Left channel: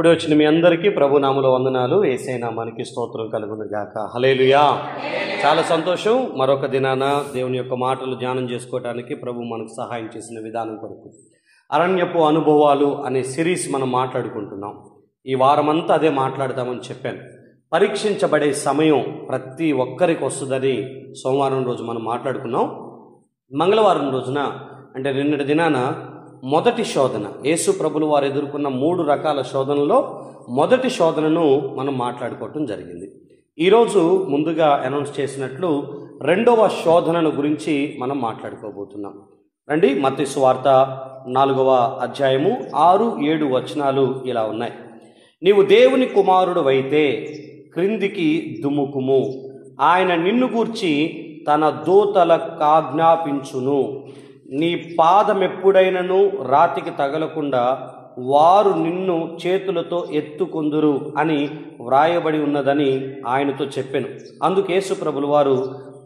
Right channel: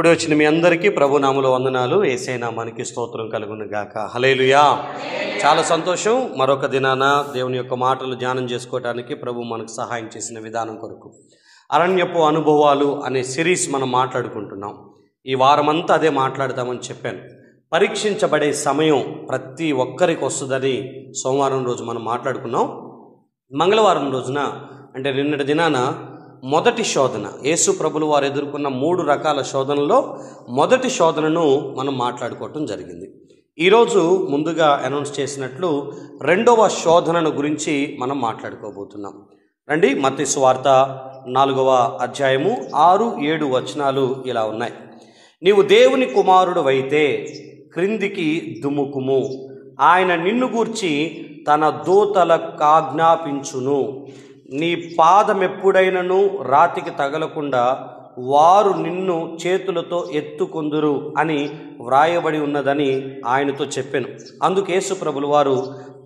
కూడి వచ్చిన మీ అందరికీ ప్రభు నామములో వందనాలు. యేసయ్య నామానికి స్తోత్రం కలుగును గాక. హల్లెలూయా. చాలా సంతోషం. మరొక దినాన దేవుని యొక్క మాటలు ధ్యానం చేసుకోవడానికి ప్రభు మనకు సహాయం చేసిన విధానం కొరకు అరణ్యపు అనుభవాలు అనే సిరీస్ మనం మాట్లాడుకుంటున్నాం. ఈ వారమంతా అదే మాట్లాడతామని చెప్పాను. పరీక్షించబడే సమయం ప్రతి ఒక్కరికి వస్తుందని సోమవారం రోజు మనం మాట్లాడుకున్నాం. మంగళవారం రోజున అంటే నిన్నటి దినాన మొదటి శోధన, యేసు ప్రభులు వారు ఎదుర్కొన్న 3 రకాల శోధనలో మొదటి శోధనను మనం మాట్లాడుకోవటం జరిగింది. ఈరోజు ముందుగా అనౌన్స్ చేసినట్లు 2వ శోధనను గురించి మనం మాట్లాడుకోబోతున్నాం. రండి, మత్తయి సువార్త 4వ అధ్యాయము 6-7 వచనాలు ఇలా ఉన్నాయి. నీవు దేవుని కుమారుడు అయితే క్రిందికి దుముకుము, ఆయన నిన్ను గూర్చి తన దూతలకు ఆజ్ఞాపించును, నీ పాదమెప్పుడైనను రాతికి తగలకుండా వారు నిన్ను చేతులతో ఎత్తుకొందురు అని వ్రాయబడి ఉన్నదని ఆయనతో చెప్పాను. అందుకు యేసు ప్రభులు వారు,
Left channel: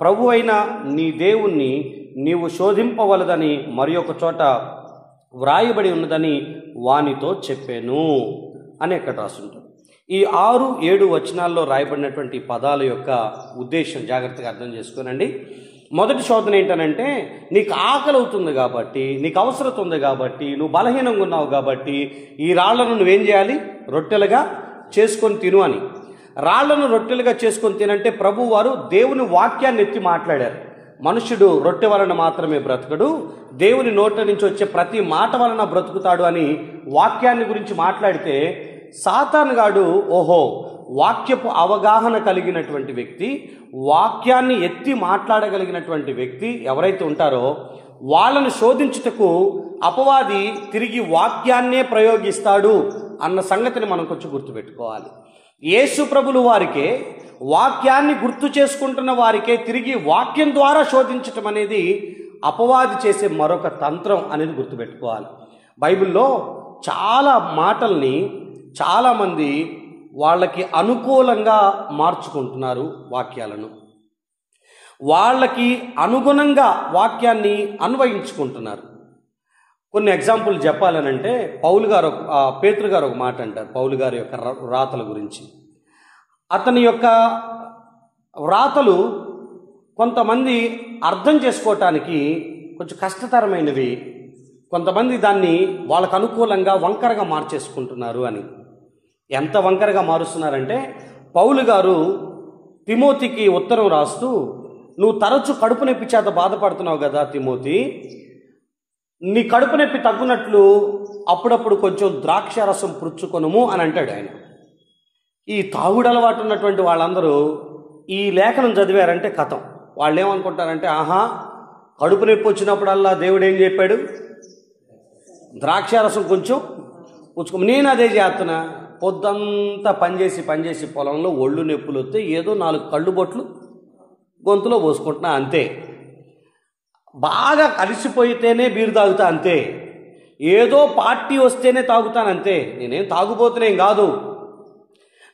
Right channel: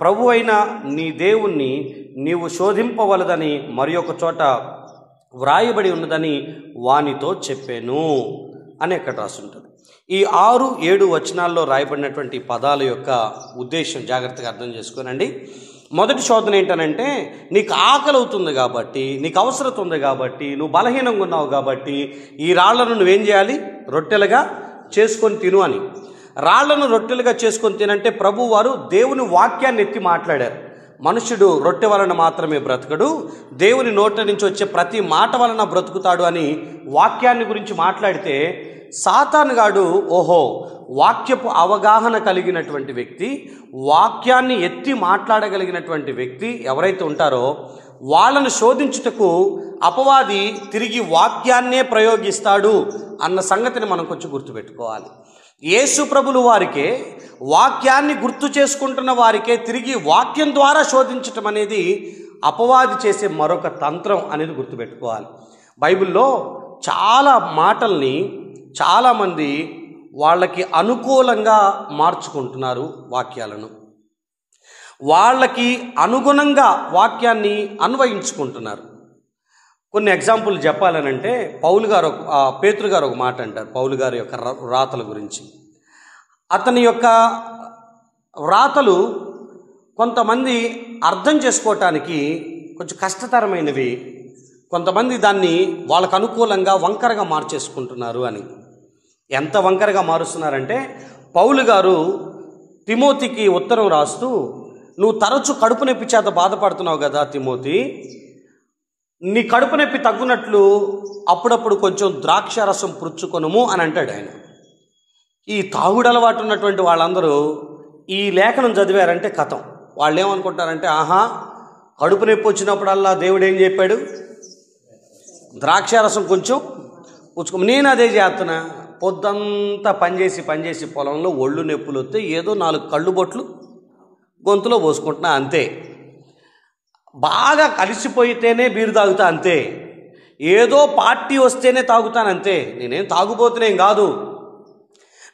ప్రభు అయిన నీ దేవుణ్ణి నీవు శోధింపవలదని మరి ఒక చోట వ్రాయబడి ఉన్నదని వానితో చెప్పాను అని ఎక్కడ రాసుంటుంది. ఈ 6-7 వచనాల్లో రాయబడినటువంటి పదాల యొక్క ఉద్దేశం జాగ్రత్తగా అర్థం చేసుకోనండి. మొదటి శోధన ఏంటనంటే, నీకు ఆకలి అవుతుంది కాబట్టి, నీకు అవసరం ఉంది కాబట్టి, నువ్వు బలహీనంగా ఉన్నావు కాబట్టి ఈ రాళ్లను నువ్వేం చేయాలి? రొట్టెలుగా చేసుకొని తిను అని. రాళ్లను రొట్టెలుగా చేసుకొని తినంటే ప్రభు వారు దేవుని వాక్యాన్ని ఎత్తి మాట్లాడారు. మనుషుడు రొట్టె వలన మాత్రమే బ్రతకడు, దేవుని నోట నుంచి వచ్చే ప్రతి మాట వలన బ్రతుకుతాడు అని వాక్యాన్ని గురించి మాట్లాడితే, సాతానుగాడు ఓహో వాక్యపు అవగాహన కలిగినటువంటి వ్యక్తి, వాక్యాన్ని ఎత్తి మాట్లాడగలిగినటువంటి వ్యక్తి ఎవరైతే ఉంటారో వాళ్ళను శోధించుటకు అపవాది తిరిగి వాక్యాన్నే ప్రయోగిస్తాడు అన్న సంగతిని మనం కొంచెం గుర్తుపెట్టుకోవాలి. యేసు ప్రభులు వారికే, వాక్యాన్ని గుర్తు చేసుకుంటున్న వారికే తిరిగి వాక్యం ద్వారా శోధించటం అనేది అపవాది చేసే మరొక తంత్రం అనేది గుర్తుపెట్టుకోవాలి. బైబిల్లో చాలా మాటల్ని చాలామంది వాళ్ళకి అనుకూలంగా మార్చుకుంటున్నారు, వాక్యాలను వాళ్ళకి అనుగుణంగా వాక్యాన్ని అన్వయించుకుంటున్నారు. కొన్ని ఎగ్జాంపుల్ చెప్పాలనంటే, పేతురు గారు ఒక మాట అంటారు పౌలు గారి యొక్క వ్రాతల గురించి. అతని యొక్క వ్రాతలు కొంతమంది అర్థం చేసుకోవటానికి కొంచెం కష్టతరమైనవి, కొంతమంది దాన్ని వాళ్ళకు అనుకూలంగా వంకరగా మార్చేసుకుంటున్నారు అని. ఎంత వంకరగా మారుస్తున్నారంటే, పౌలు గారు తిమోతికి ఉత్తరం రాస్తూ, నువ్వు తరచు కడుపు నొప్పి చేత బాధపడుతున్నావు కదా తిమోతి, నీ కడుపు నొప్పి తగ్గునట్లు అప్పుడప్పుడు కొంచెం ద్రాక్ష రసం పుచ్చుకొనుము అని అంటాడు ఆయన. ఈ తాగుడు అలవాటు ఉన్నటువంటి వాళ్ళందరూ ఈ లేఖనం చదివారంటే కథం. వాళ్ళు ఏమనుకుంటారంటే, ఆహా కడుపు నొప్పి వచ్చినప్పుడల్లా దేవుడు ఏం చెప్పాడు? ద్రాక్ష రసం కొంచెం పుచ్చుకో. నేను అదే చేస్తున్నా, పొద్దంతా పనిచేసి పొలంలో ఒళ్ళు నొప్పులు వస్తే ఏదో 4 కళ్ళు బొట్లు గొంతులో పోసుకుంటున్నా అంతే. బాగా కలిసిపోయితేనే బీరు తాగుతా అంతే. ఏదో పార్టీ వస్తేనే తాగుతానంతే. నేనేం తాగుపోతున్నాం కాదు.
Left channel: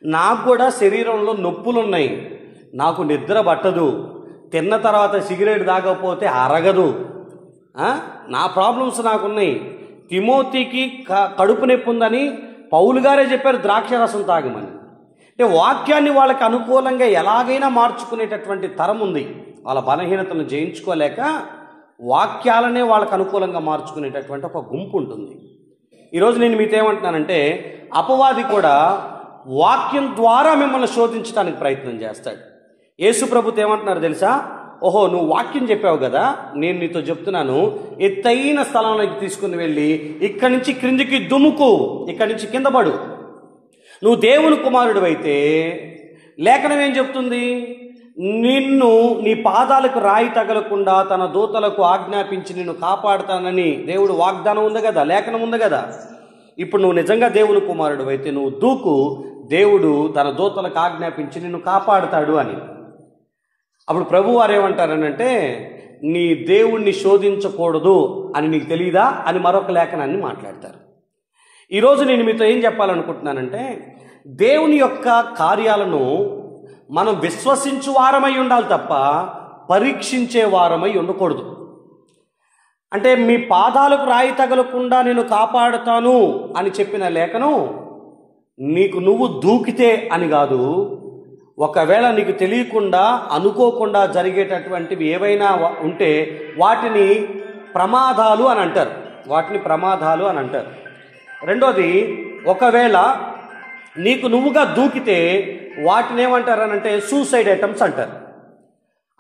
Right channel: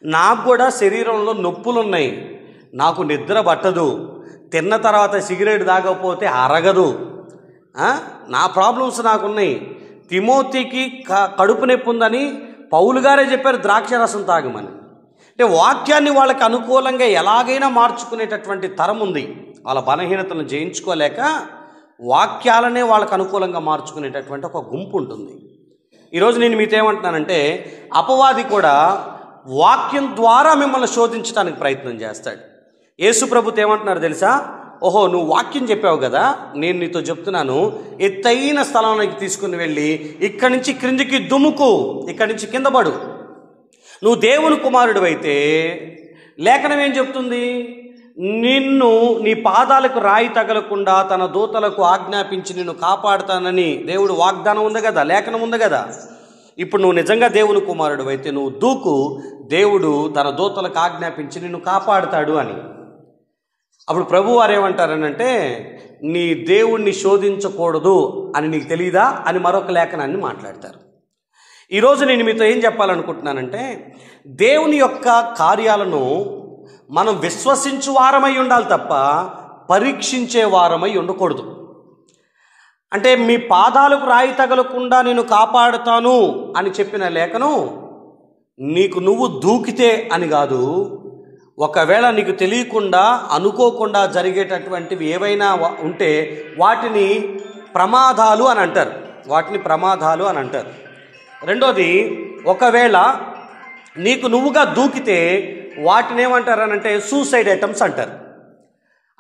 నాకు కూడా శరీరంలో నొప్పులు ఉన్నాయి, నాకు నిద్ర పట్టదు, తిన్న తర్వాత సిగరెట్ తాగకపోతే అరగదు, నా ప్రాబ్లమ్స్ నాకున్నాయి. తిమోతికి కడుపు నొప్పి ఉందని పౌలు గారే చెప్పారు ద్రాక్ష రసం తాగమని. అంటే వాక్యాన్ని వాళ్ళకి అనుకూలంగా ఎలాగైనా మార్చుకునేటటువంటి తరం ఉంది. వాళ్ళ బలహీనతలను జయించుకోలేక వాక్యాలనే వాళ్ళకు అనుకూలంగా మార్చుకునేటటువంటి ఒక గుంపు ఉంటుంది. ఈరోజు నేను మీతో ఏమంటున్నానంటే, అపవాది కూడా వాక్యం ద్వారా మిమ్మల్ని శోధించడానికి ప్రయత్నం చేస్తాడు. యేసు ప్రభుతో ఏమంటున్నారు తెలుసా? ఓహో నువ్వు వాక్యం చెప్పావు కదా, నేను నీతో చెప్తున్నాను, ఎత్తైన స్థలంలోకి తీసుకుని వెళ్ళి ఇక్కడి నుంచి క్రిందికి దుముకు, ఇక్కడి నుంచి కింద పడు. నువ్వు దేవుని కుమారుడు అయితే లేఖనం ఏం చెప్తుంది? నిన్ను నీ పాదాలకు రాయి తగలకుండా తన దూతలకు ఆజ్ఞాపించి నిన్ను కాపాడుతానని దేవుడు వాగ్దానం ఉంది కదా, లేఖనం ఉంది కదా. ఇప్పుడు నువ్వు నిజంగా దేవుని కుమారుడు అయితే నువ్వు దూకు, దేవుడు తన దూతలకు ఆజ్ఞాపించి నిన్ను కాపాడుతాడు అని. అప్పుడు ప్రభు వారు ఏమంటారనంటే, నీ దేవుణ్ణి శోధించకూడదు అని నీకు తెలియదా అని మరొక లేఖనాన్ని మాట్లాడతారు. ఈరోజు నేను మీతో ఏం చెప్పాలనుకుంటున్నానంటే, దేవుని యొక్క కార్యాలను మనం విశ్వసించు వారమై ఉండాలి తప్ప పరీక్షించే వారమై ఉండకూడదు. అంటే మీ పాదాలకు రాయి తగలకుండా నేను కాపాడుతాను అని చెప్పిన లేఖను నీకు నువ్వు దూకితే అని కాదు, ఒకవేళ నీకు తెలియకుండా అనుకోకుండా జరిగేటటువంటివి ఏవైనా ఉంటే వాటిని ప్రమాదాలు అని అంటారు. రెండోది, ఒకవేళ నీకు నువ్వుగా దూకితే వాటిని ఏమంటారనంటే సూసైడ్ అటెంప్ట్స్ అంటారు,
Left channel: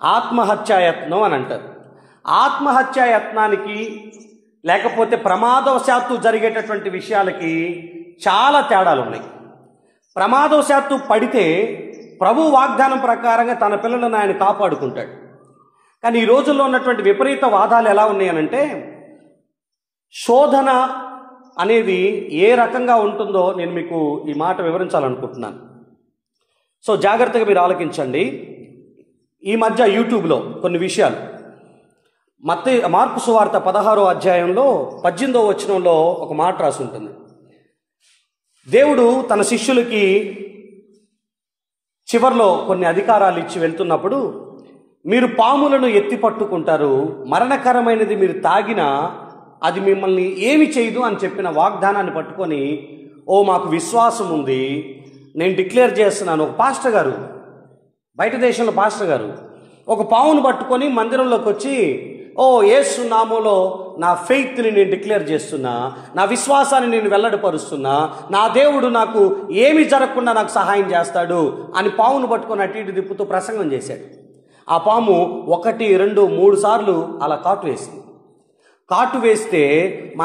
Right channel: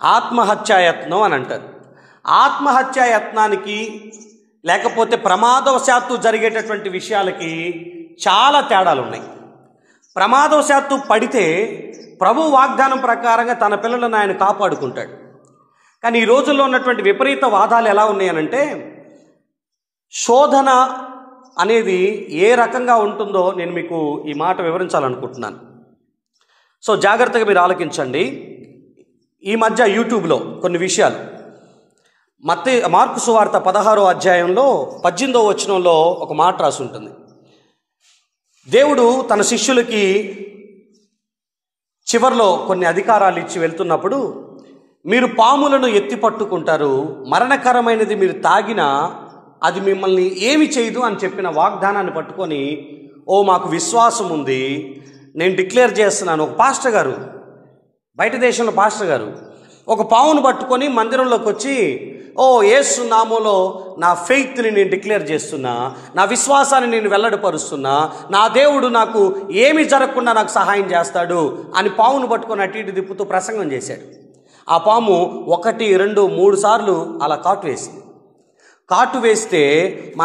ఆత్మహత్యాయత్నం అని అంటారు. ఆత్మహత్యాయత్నానికి లేకపోతే ప్రమాదవశాత్తు జరిగేటటువంటి విషయాలకి చాలా తేడాలు ఉన్నాయి. ప్రమాదవశాత్తు పడితే ప్రభు వాగ్దానం ప్రకారంగా తన పిల్లలను ఆయన కాపాడుకుంటాడు. కానీ ఈ రోజుల్లో ఉన్నటువంటి విపరీత వాదాలు ఎలా ఉన్నాయనంటే, శోధన అనేది ఏ రకంగా ఉంటుందో నేను మీకు ఈ మాట వివరించాలనుకుంటున్నాను. సో జాగ్రత్తగా మీరు ఆలకించండి. ఈ మధ్య యూట్యూబ్లో కొన్ని విషయాలు, మార్కు సువార్త 16వ అధ్యాయంలో 18వ వచనంలో ఒక మాట రాసి ఉంటుంది. దేవుడు తన శిష్యులకి చివర్లో కొన్ని అధికారాలు ఇచ్చి వెళ్తున్నప్పుడు, మీరు పాములను ఎత్తి పట్టుకుంటారు, మరణకరమైనది మీరు తాగినా అది మిమ్మల్ని ఏమి చేయదు అని చెప్పిన వాగ్దానాన్ని పట్టుకొని, మాకు విశ్వాసం ఉంది, నేను డిక్లేర్ చేస్తున్నాను. ఒక పాస్టర్ గారు, బయట దేశంలో పాస్టర్ గారు ఒక పావును పట్టుకొని మందిరంలోకి వచ్చి, యేసు నామములో నా ఫెయిత్ని నేను డిక్లేర్ చేస్తున్నా, నా విశ్వాసాన్ని నేను వెల్లడిపరుస్తున్నా, నా దేవుడు నాకు ఏమీ జరగకుండా నాకు సహాయం చేస్తాడు అని పావును పట్టుకొని అటు ఇటు తిప్పుతూ ప్రసంగం చేశాడు. ఆ పాము 1, 2, 3 సార్లు అలా కాటు వేస్తే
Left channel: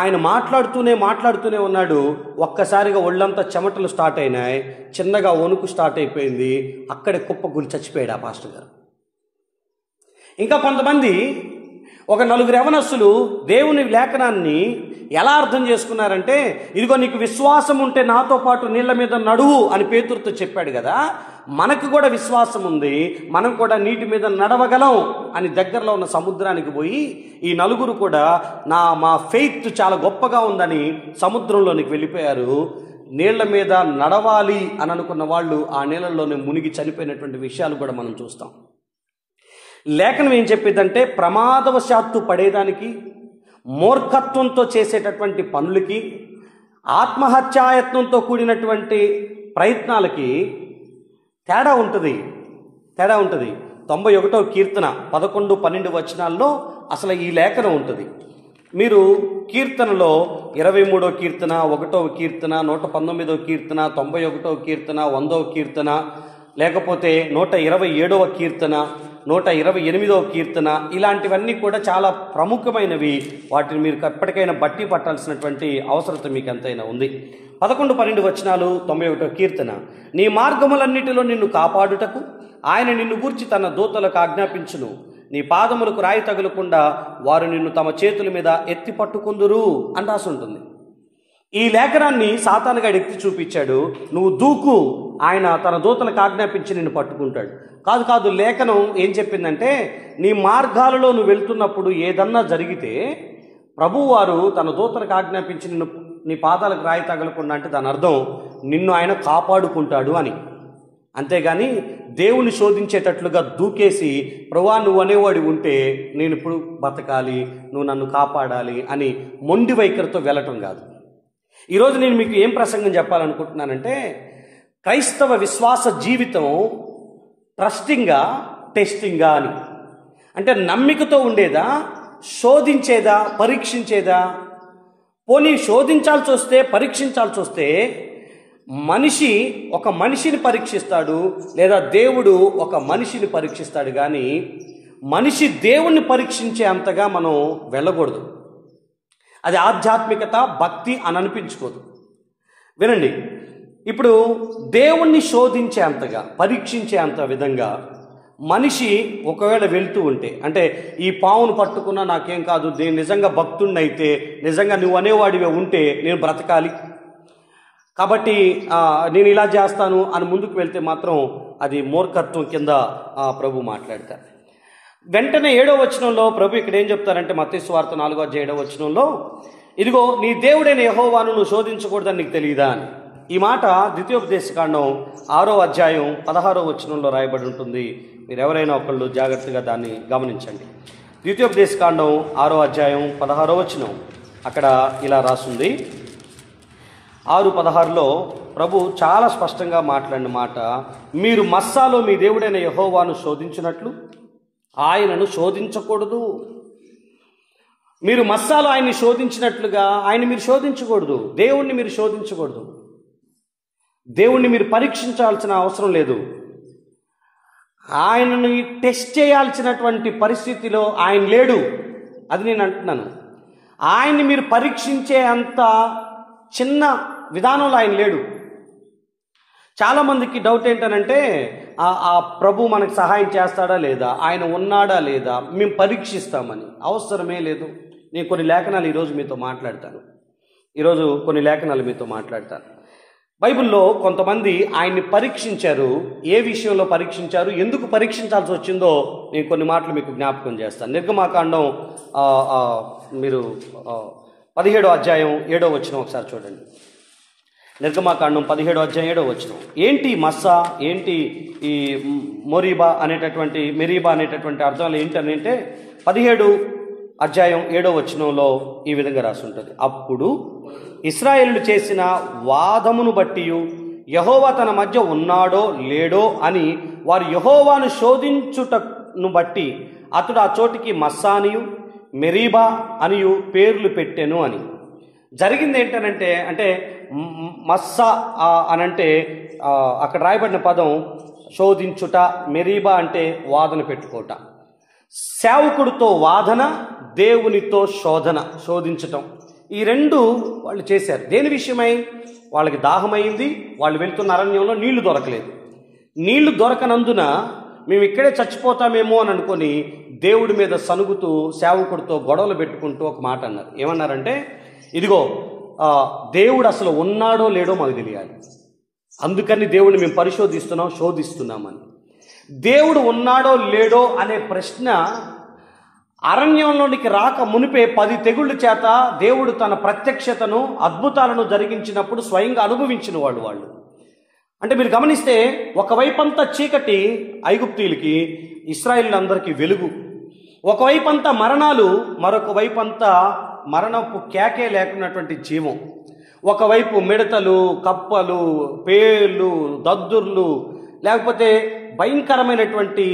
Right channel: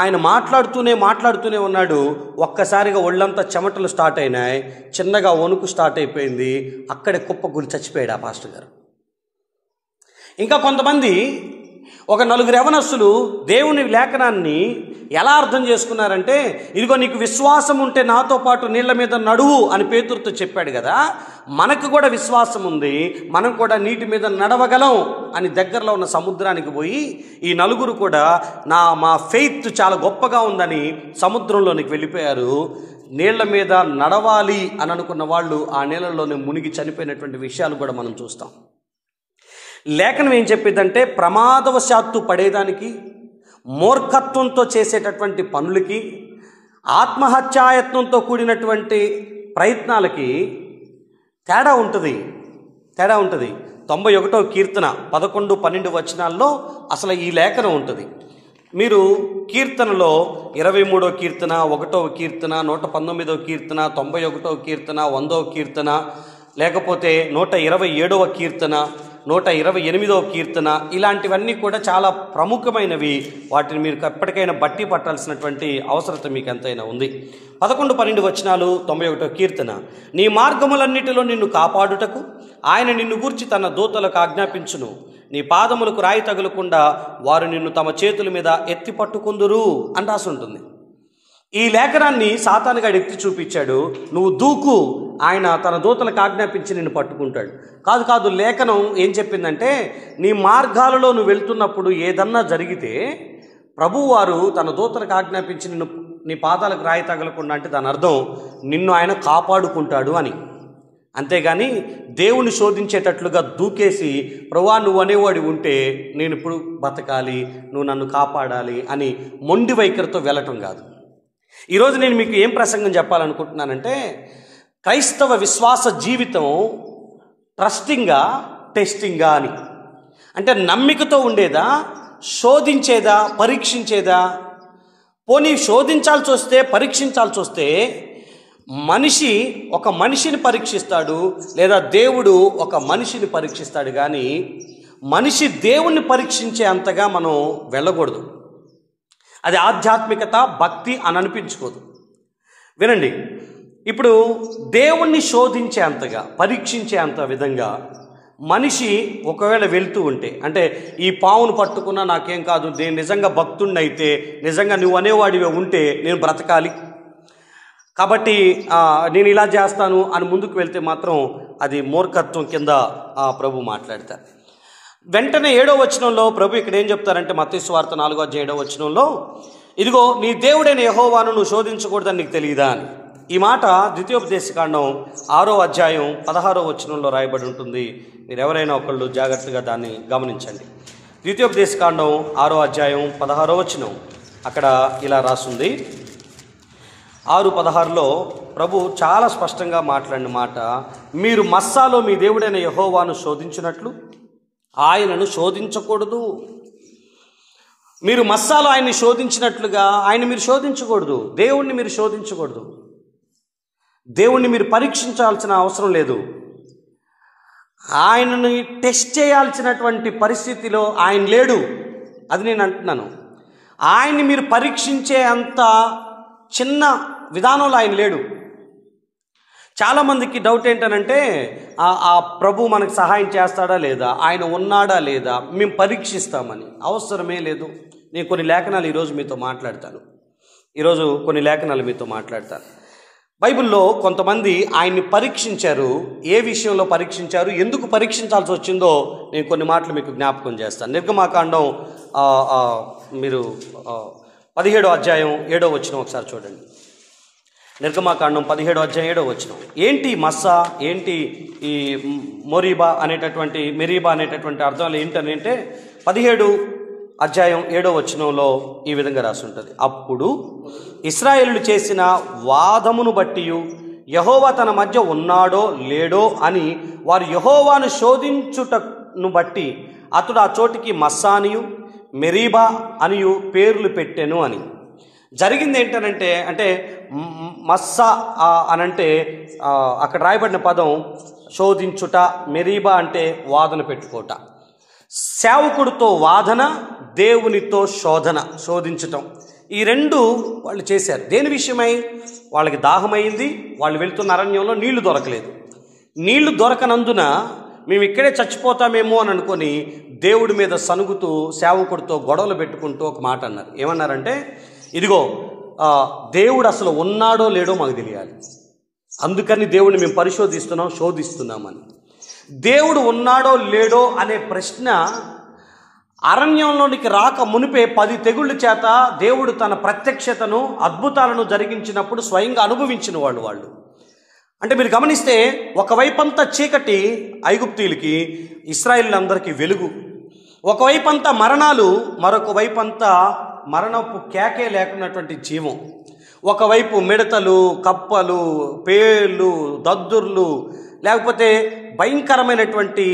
ఆయన మాట్లాడుతూనే ఉన్నాడు. ఒక్కసారిగా ఒళ్ళంతా చెమటలు స్టార్ట్ అయినాయి, చిన్నగా వణుకు స్టార్ట్ అయిపోయింది. అక్కడే కుప్పకూలి చచ్చిపోయాడు ఆ పాస్టర్ గారు. ఇంకా కొంతమంది, ఒక 4 యవనస్తులు దేవుని లేఖనాన్ని ఎలా అర్థం చేసుకున్నారంటే, ఇదిగో నీకు విశ్వాసం ఉంటే నాతో పాటు నీళ్ళ మీద నడువు అని పేతురుతో చెప్పాడు కదా, మనకు కూడా విశ్వాసం ఉంది, మనం కూడా నీటి మీద నడవగలం అని దగ్గరలో ఉన్న సముద్రానికి పోయి ఈ 4 కూడా మా ఫెయిత్ చాలా గొప్పగా ఉందని సముద్రంలోనికి వెళ్ళిపోయారు. నీళ్ల మీద నడవాలి అని అనుకున్న వాళ్ళు ఆ నీళ్ళలోనే మునిగి చనిపోయినటువంటి విషయాలు కూడా మనం చూస్తాం. లేఖనం ఏం చెప్పేదంటే, ప్రమాదవశాత్తు పడేదానికి, మూర్ఖత్వంతో చేసేటటువంటి పనులకి, ఆత్మహత్యాయత్నంతో కూడినటువంటి ప్రయత్నాలకి తేడా ఉంటుంది. 91వ కీర్తన 11, 12 వచనాల్లో అసలు ఈ లేఖనం ఉంటుంది. మీరు కీర్తనలో 23వ కీర్తన, 1వ కీర్తన, 119వ కీర్తన, 91వ కీర్తన, 100వ కీర్తన, లేకపోతే 127వ కీర్తన, 128వ కీర్తన, ఇలాంటివన్నీ కూడా చాలా ప్రముఖమైనవి. వాటిని మీరు ఎప్పటికైనా బట్టి పట్టాల్సినటువంటి అవసరత మీకు ఎంతైనా ఉంది. 11, 12 వచనాలు 91వ కీర్తన. నీ మార్గములన్నిటిలో నిన్ను కాపాడుటకు ఆయన నిన్ను గూర్చి తన దూతలకు ఆజ్ఞాపించును, నీ పాదములకు రాయి తగులకుండా వారు నిన్ను తమ చేతుల మీద ఎత్తి పట్టుకుందురు అని రాసి ఉంటుంది. ఈ లేఖనాన్ని సాతానుగాడు ఎత్తి చూపించాడు, నువ్వు దూకు, ఆయన తన దూతలకు ఆజ్ఞాపించి నిన్ను పట్టుకుంటాడు. కాదు, లేఖనం ఏం చెప్పిందంటే, నీ మార్గాలలో నువ్వు వెళ్తున్నప్పుడు ఏదన్నా జరిగితే ప్రభువారు తన దూతలకు ఆజ్ఞాపించి నిన్ను నీ పాదాలకు రాయి తగలకుండా, అంటే దాని అర్థం నిన్ను ఆయన కాపాడుకుంటాడు అని. అంతేగాని దేవుని శోధించేటట్లుగా దూకేసి, ప్రభువా నువ్వు అనేవాడి ఉంటే నేను ఇప్పుడు బతకాలి, నువ్వు నన్ను కాపాడాలి అని మొండి వైఖరితో వెళ్ళటం కాదు. ఈరోజు నేను మీకు ఏం ప్రసంగం చెప్పాలనుకుంటున్నానంటే, క్రైస్తవ విశ్వాస జీవితం ట్రస్టింగా, టెస్టింగా అని. అంటే నమ్మికతో ఉండేదా, శోధించేదా, పరీక్షించేదా? పోనీ శోధించాల్సి వస్తే, పరీక్షించాల్సి వస్తే మనిషి ఒక మనిషిని పరీక్షిస్తాడు, లేదా దేవుడు ఒక మనిషిని పరీక్షిస్తాడు. కానీ మనిషి దేవుణ్ణి పరీక్షించే అంతగా మనం వెళ్ళకూడదు. అది ఆధ్యాత్మికత, భక్తి అని అనిపించుకోదు. వినండి, ఇప్పుడు దేవుణ్ణి శోధించే అంతగా, పరీక్షించే అంత విధంగా మనిషి ఒకవేళ వెళ్తూ ఉంటే, అంటే ఈ పావును పట్టుకున్నా నాకేం కాదు, నేను నిజంగా భక్తుడిని అయితే, నిజంగా నువ్వు అనేవాడిగా ఉంటే నేను బ్రతకాలి, కాబట్టి నేను ఇలా చేస్తాను అని ముందుకు వెళ్తే మాత్రం అది మూర్ఖత్వం కింద ప్రభు మాట్లాడతారు. వెంటనే 7వ వచనంలో ప్రభు ఇక్కడ ఏం చెప్తారంటే, మత్తయి సువార్త 4వ అధ్యాయం 7వ వచనంలో, ఇదిగో నీ దేవుడైన యెహోవాను నువ్వు శోధించకూడదని నీకు తెలియదా అని. ఈ మాట ద్వితీయోపదేశకాండం 6వ అధ్యాయం 16వ వచనంలో రాయబడి ఉంటుంది. మీరు ఎవరైనా ఒకళ్ళు జాగ్రత్తగా దాన్ని గమనించండి. ద్వితీయోపదేశకాండం 6వ అధ్యాయం 16వ వచనం, అక్కడ ఇలా రాస్తుంది, 6:16లో ప్రభు చాలా స్పష్టంగా మాట్లాడిన మాట, మీరు మస్సాలో మీ దేవుడైన యెహోవాను శోధించినట్లు ఆయనను శోధించకూడదు. మీరు మస్సాలో ఆయన్ని శోధించినట్లుగా ఆయన మీరు శోధించకూడదు. దేవుణ్ణి మీరు శోధించకూడదు. దేవుణ్ణి మీరు పరీక్షించాల్సిన అవసరం లేదు. ఆయనను టెస్ట్ చేయాల్సినటువంటి పరిస్థితిలో ఆయన లేడు. అది నేను అంటున్నాను. ఆయన్ని మీరు పరీక్షించే అంత చిన్న విధానంలో ఆయన లేడు. చాలామందికి డౌట్ ఏంటనంటే ఆ ప్రభు మనకు సహాయం చేస్తాడా లేదా, ఆయన ఉన్నాడా లేదా, మేము పరీక్షిస్తామని. అవసరమే లేదు. నేను కొన్ని లేఖనాలు ఈరోజు మీతో మాట్లాడతాను. బైబిల్లో కొంతమంది ఆయన్ని పరీక్షించారు. ఏ విషయంలో పరీక్షించారు, ఎందుకు పరీక్షించాల్సి వచ్చిందో నేను కొన్ని మాటలు మీకు జ్ఞాపకం చేస్తాను. నిర్గమాకాండం మీరు 17వ అధ్యాయం 7వ వచనం ఒకసారి చూడండి. నిర్గమాకాండం 17వ అధ్యాయం 7వ వచనం. ఏంటి మస్సా, ఏంటి ఈ మెరీబా అనేటటువంటి అర్థాలు ఏంటంటే 17 అధ్యాయం 7వ వచనంలో ఈ విధంగా రాసి ఉంటుంది. అప్పుడు ఇశ్రాయేలులు చేసిన వాదమును బట్టి యెహోవా తన మధ్య ఉన్నాడో లేడో అని వారు యెహోవాను శోధించుటను బట్టి అతడు ఆ చోటికి మస్సా అనియు మెరీబా అనియు పేర్లు పెట్టెను అని. జరిగింది ఏంటనంటే, అంటే మస్సా అనంటే అక్కడ రాయబడిన పదం శోధించుట, మెరీబా అంటే వాదన పెట్టుకోట. సేవకుడితో వాదన, దేవునితో శోధించటం, ఈ రెండు వాళ్ళు చేశారు. దేని విషయమై? వాళ్ళకి దాహమైంది. వాళ్ళు వెళ్తున్న అరణ్యంలో నీళ్లు దొరకలేదు. నీళ్లు దొరకనందున మేము ఇక్కడే చచ్చిపోతామేమో అని అనుకొని దేవుడి మీద సనుగుతూ సేవకుడితో గొడవలు పెట్టుకుంటూ ఒక మాట అన్నారు. ఏమన్నారంటే, ఇదిగో దేవుడు అసలు ఉన్నాడో లేడో మాకు తెలియాలి, అందుకని దేవుడిని మేము శోధిస్తున్నామని. దేవుడు ఉన్నాడో లేడో అనే ప్రశ్న అరణ్యంలోనికి రాక మునిపే 10 తెగుళ్ళ చేత దేవుడు తన ప్రత్యక్షతను, అద్భుతాలను జరిగించినప్పుడు స్వయంగా అనుభవించిన వాళ్ళు. అంటే మీరు గమనిస్తే ఒకవైపంతా చీకటి ఐగుప్తీయులకి, ఇశ్రాయేలీయులందరికీ వెలుగు. ఒకవైపంతా మరణాలు, మరొక వైపంతా మరణపు కేకే లేకున్నటువంటి జీవం. ఒకవైపు మిడతలు, కప్పలు, పేర్లు, దద్దుర్లు, లేకపోతే భయంకరమైనటువంటి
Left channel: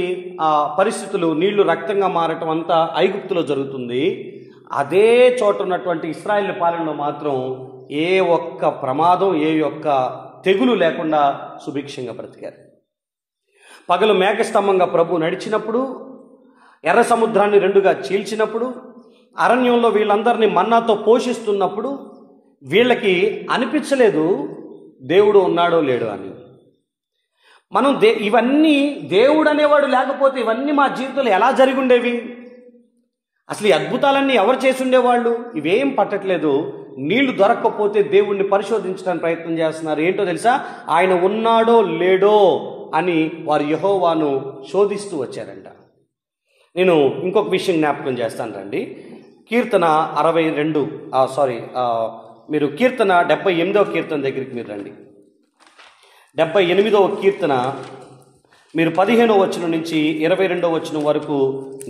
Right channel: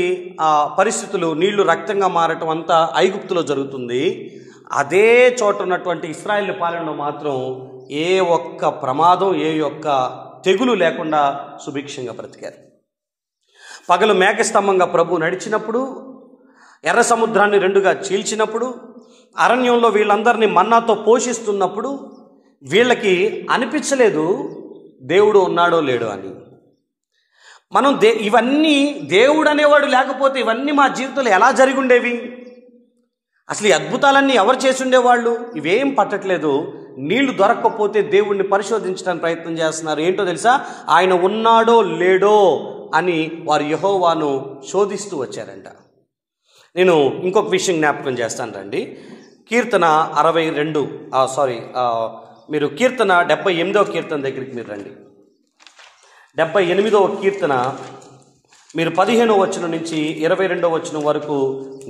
పరిస్థితులు, నీళ్లు రక్తంగా మారటం అంతా ఐగుప్తులో జరుగుతుంది. అదే చోట ఉన్నటువంటి ఇశ్రాయేలు పాలనలో మాత్రం ఏ ఒక్క ప్రమాదం, ఏ ఒక్క తెగులు లేకుండా సుభిక్షంగా బ్రతికారు. పగలు మేఘస్తంభంగా ప్రభు నడిచినప్పుడు, ఎర్ర సముద్రాన్ని 2గా చీల్చినప్పుడు, అరణ్యంలో వీళ్ళందరినీ మన్నాతో పోషిస్తున్నప్పుడు వీళ్ళకి అనిపించలేదు దేవుడు ఉన్నాడో లేడో అని. మనం ఇవన్నీ దేవుడు అనేవాడు లేకపోతే ఇవన్నీ మా జీవితంలో ఎలా జరిగి ఉండేవి? అసలు ఈ అద్భుతాలన్నీ ఎవరు చేసి ఉండేవాళ్ళు? ఇవేం పట్టట్లేదు. నీళ్లు దొరక్కపోతే దేవుణ్ణి పరిశోధించడానికి ప్రయత్నం చేస్తున్నారు. ఏంటో తెలుసా? ఆయన ఉన్నాడో లేడో అని వారు యెహోవాను శోధిస్తూ వచ్చారంట. నేను ఇంకొక విషయం జ్ఞాపకం చేస్తాను రండి. కీర్తన 78వ కీర్తన దగ్గరికి మీరు రండి. 78వ కీర్తన మీరు 15వ వచనం నుంచి 22వ వచనం వరకు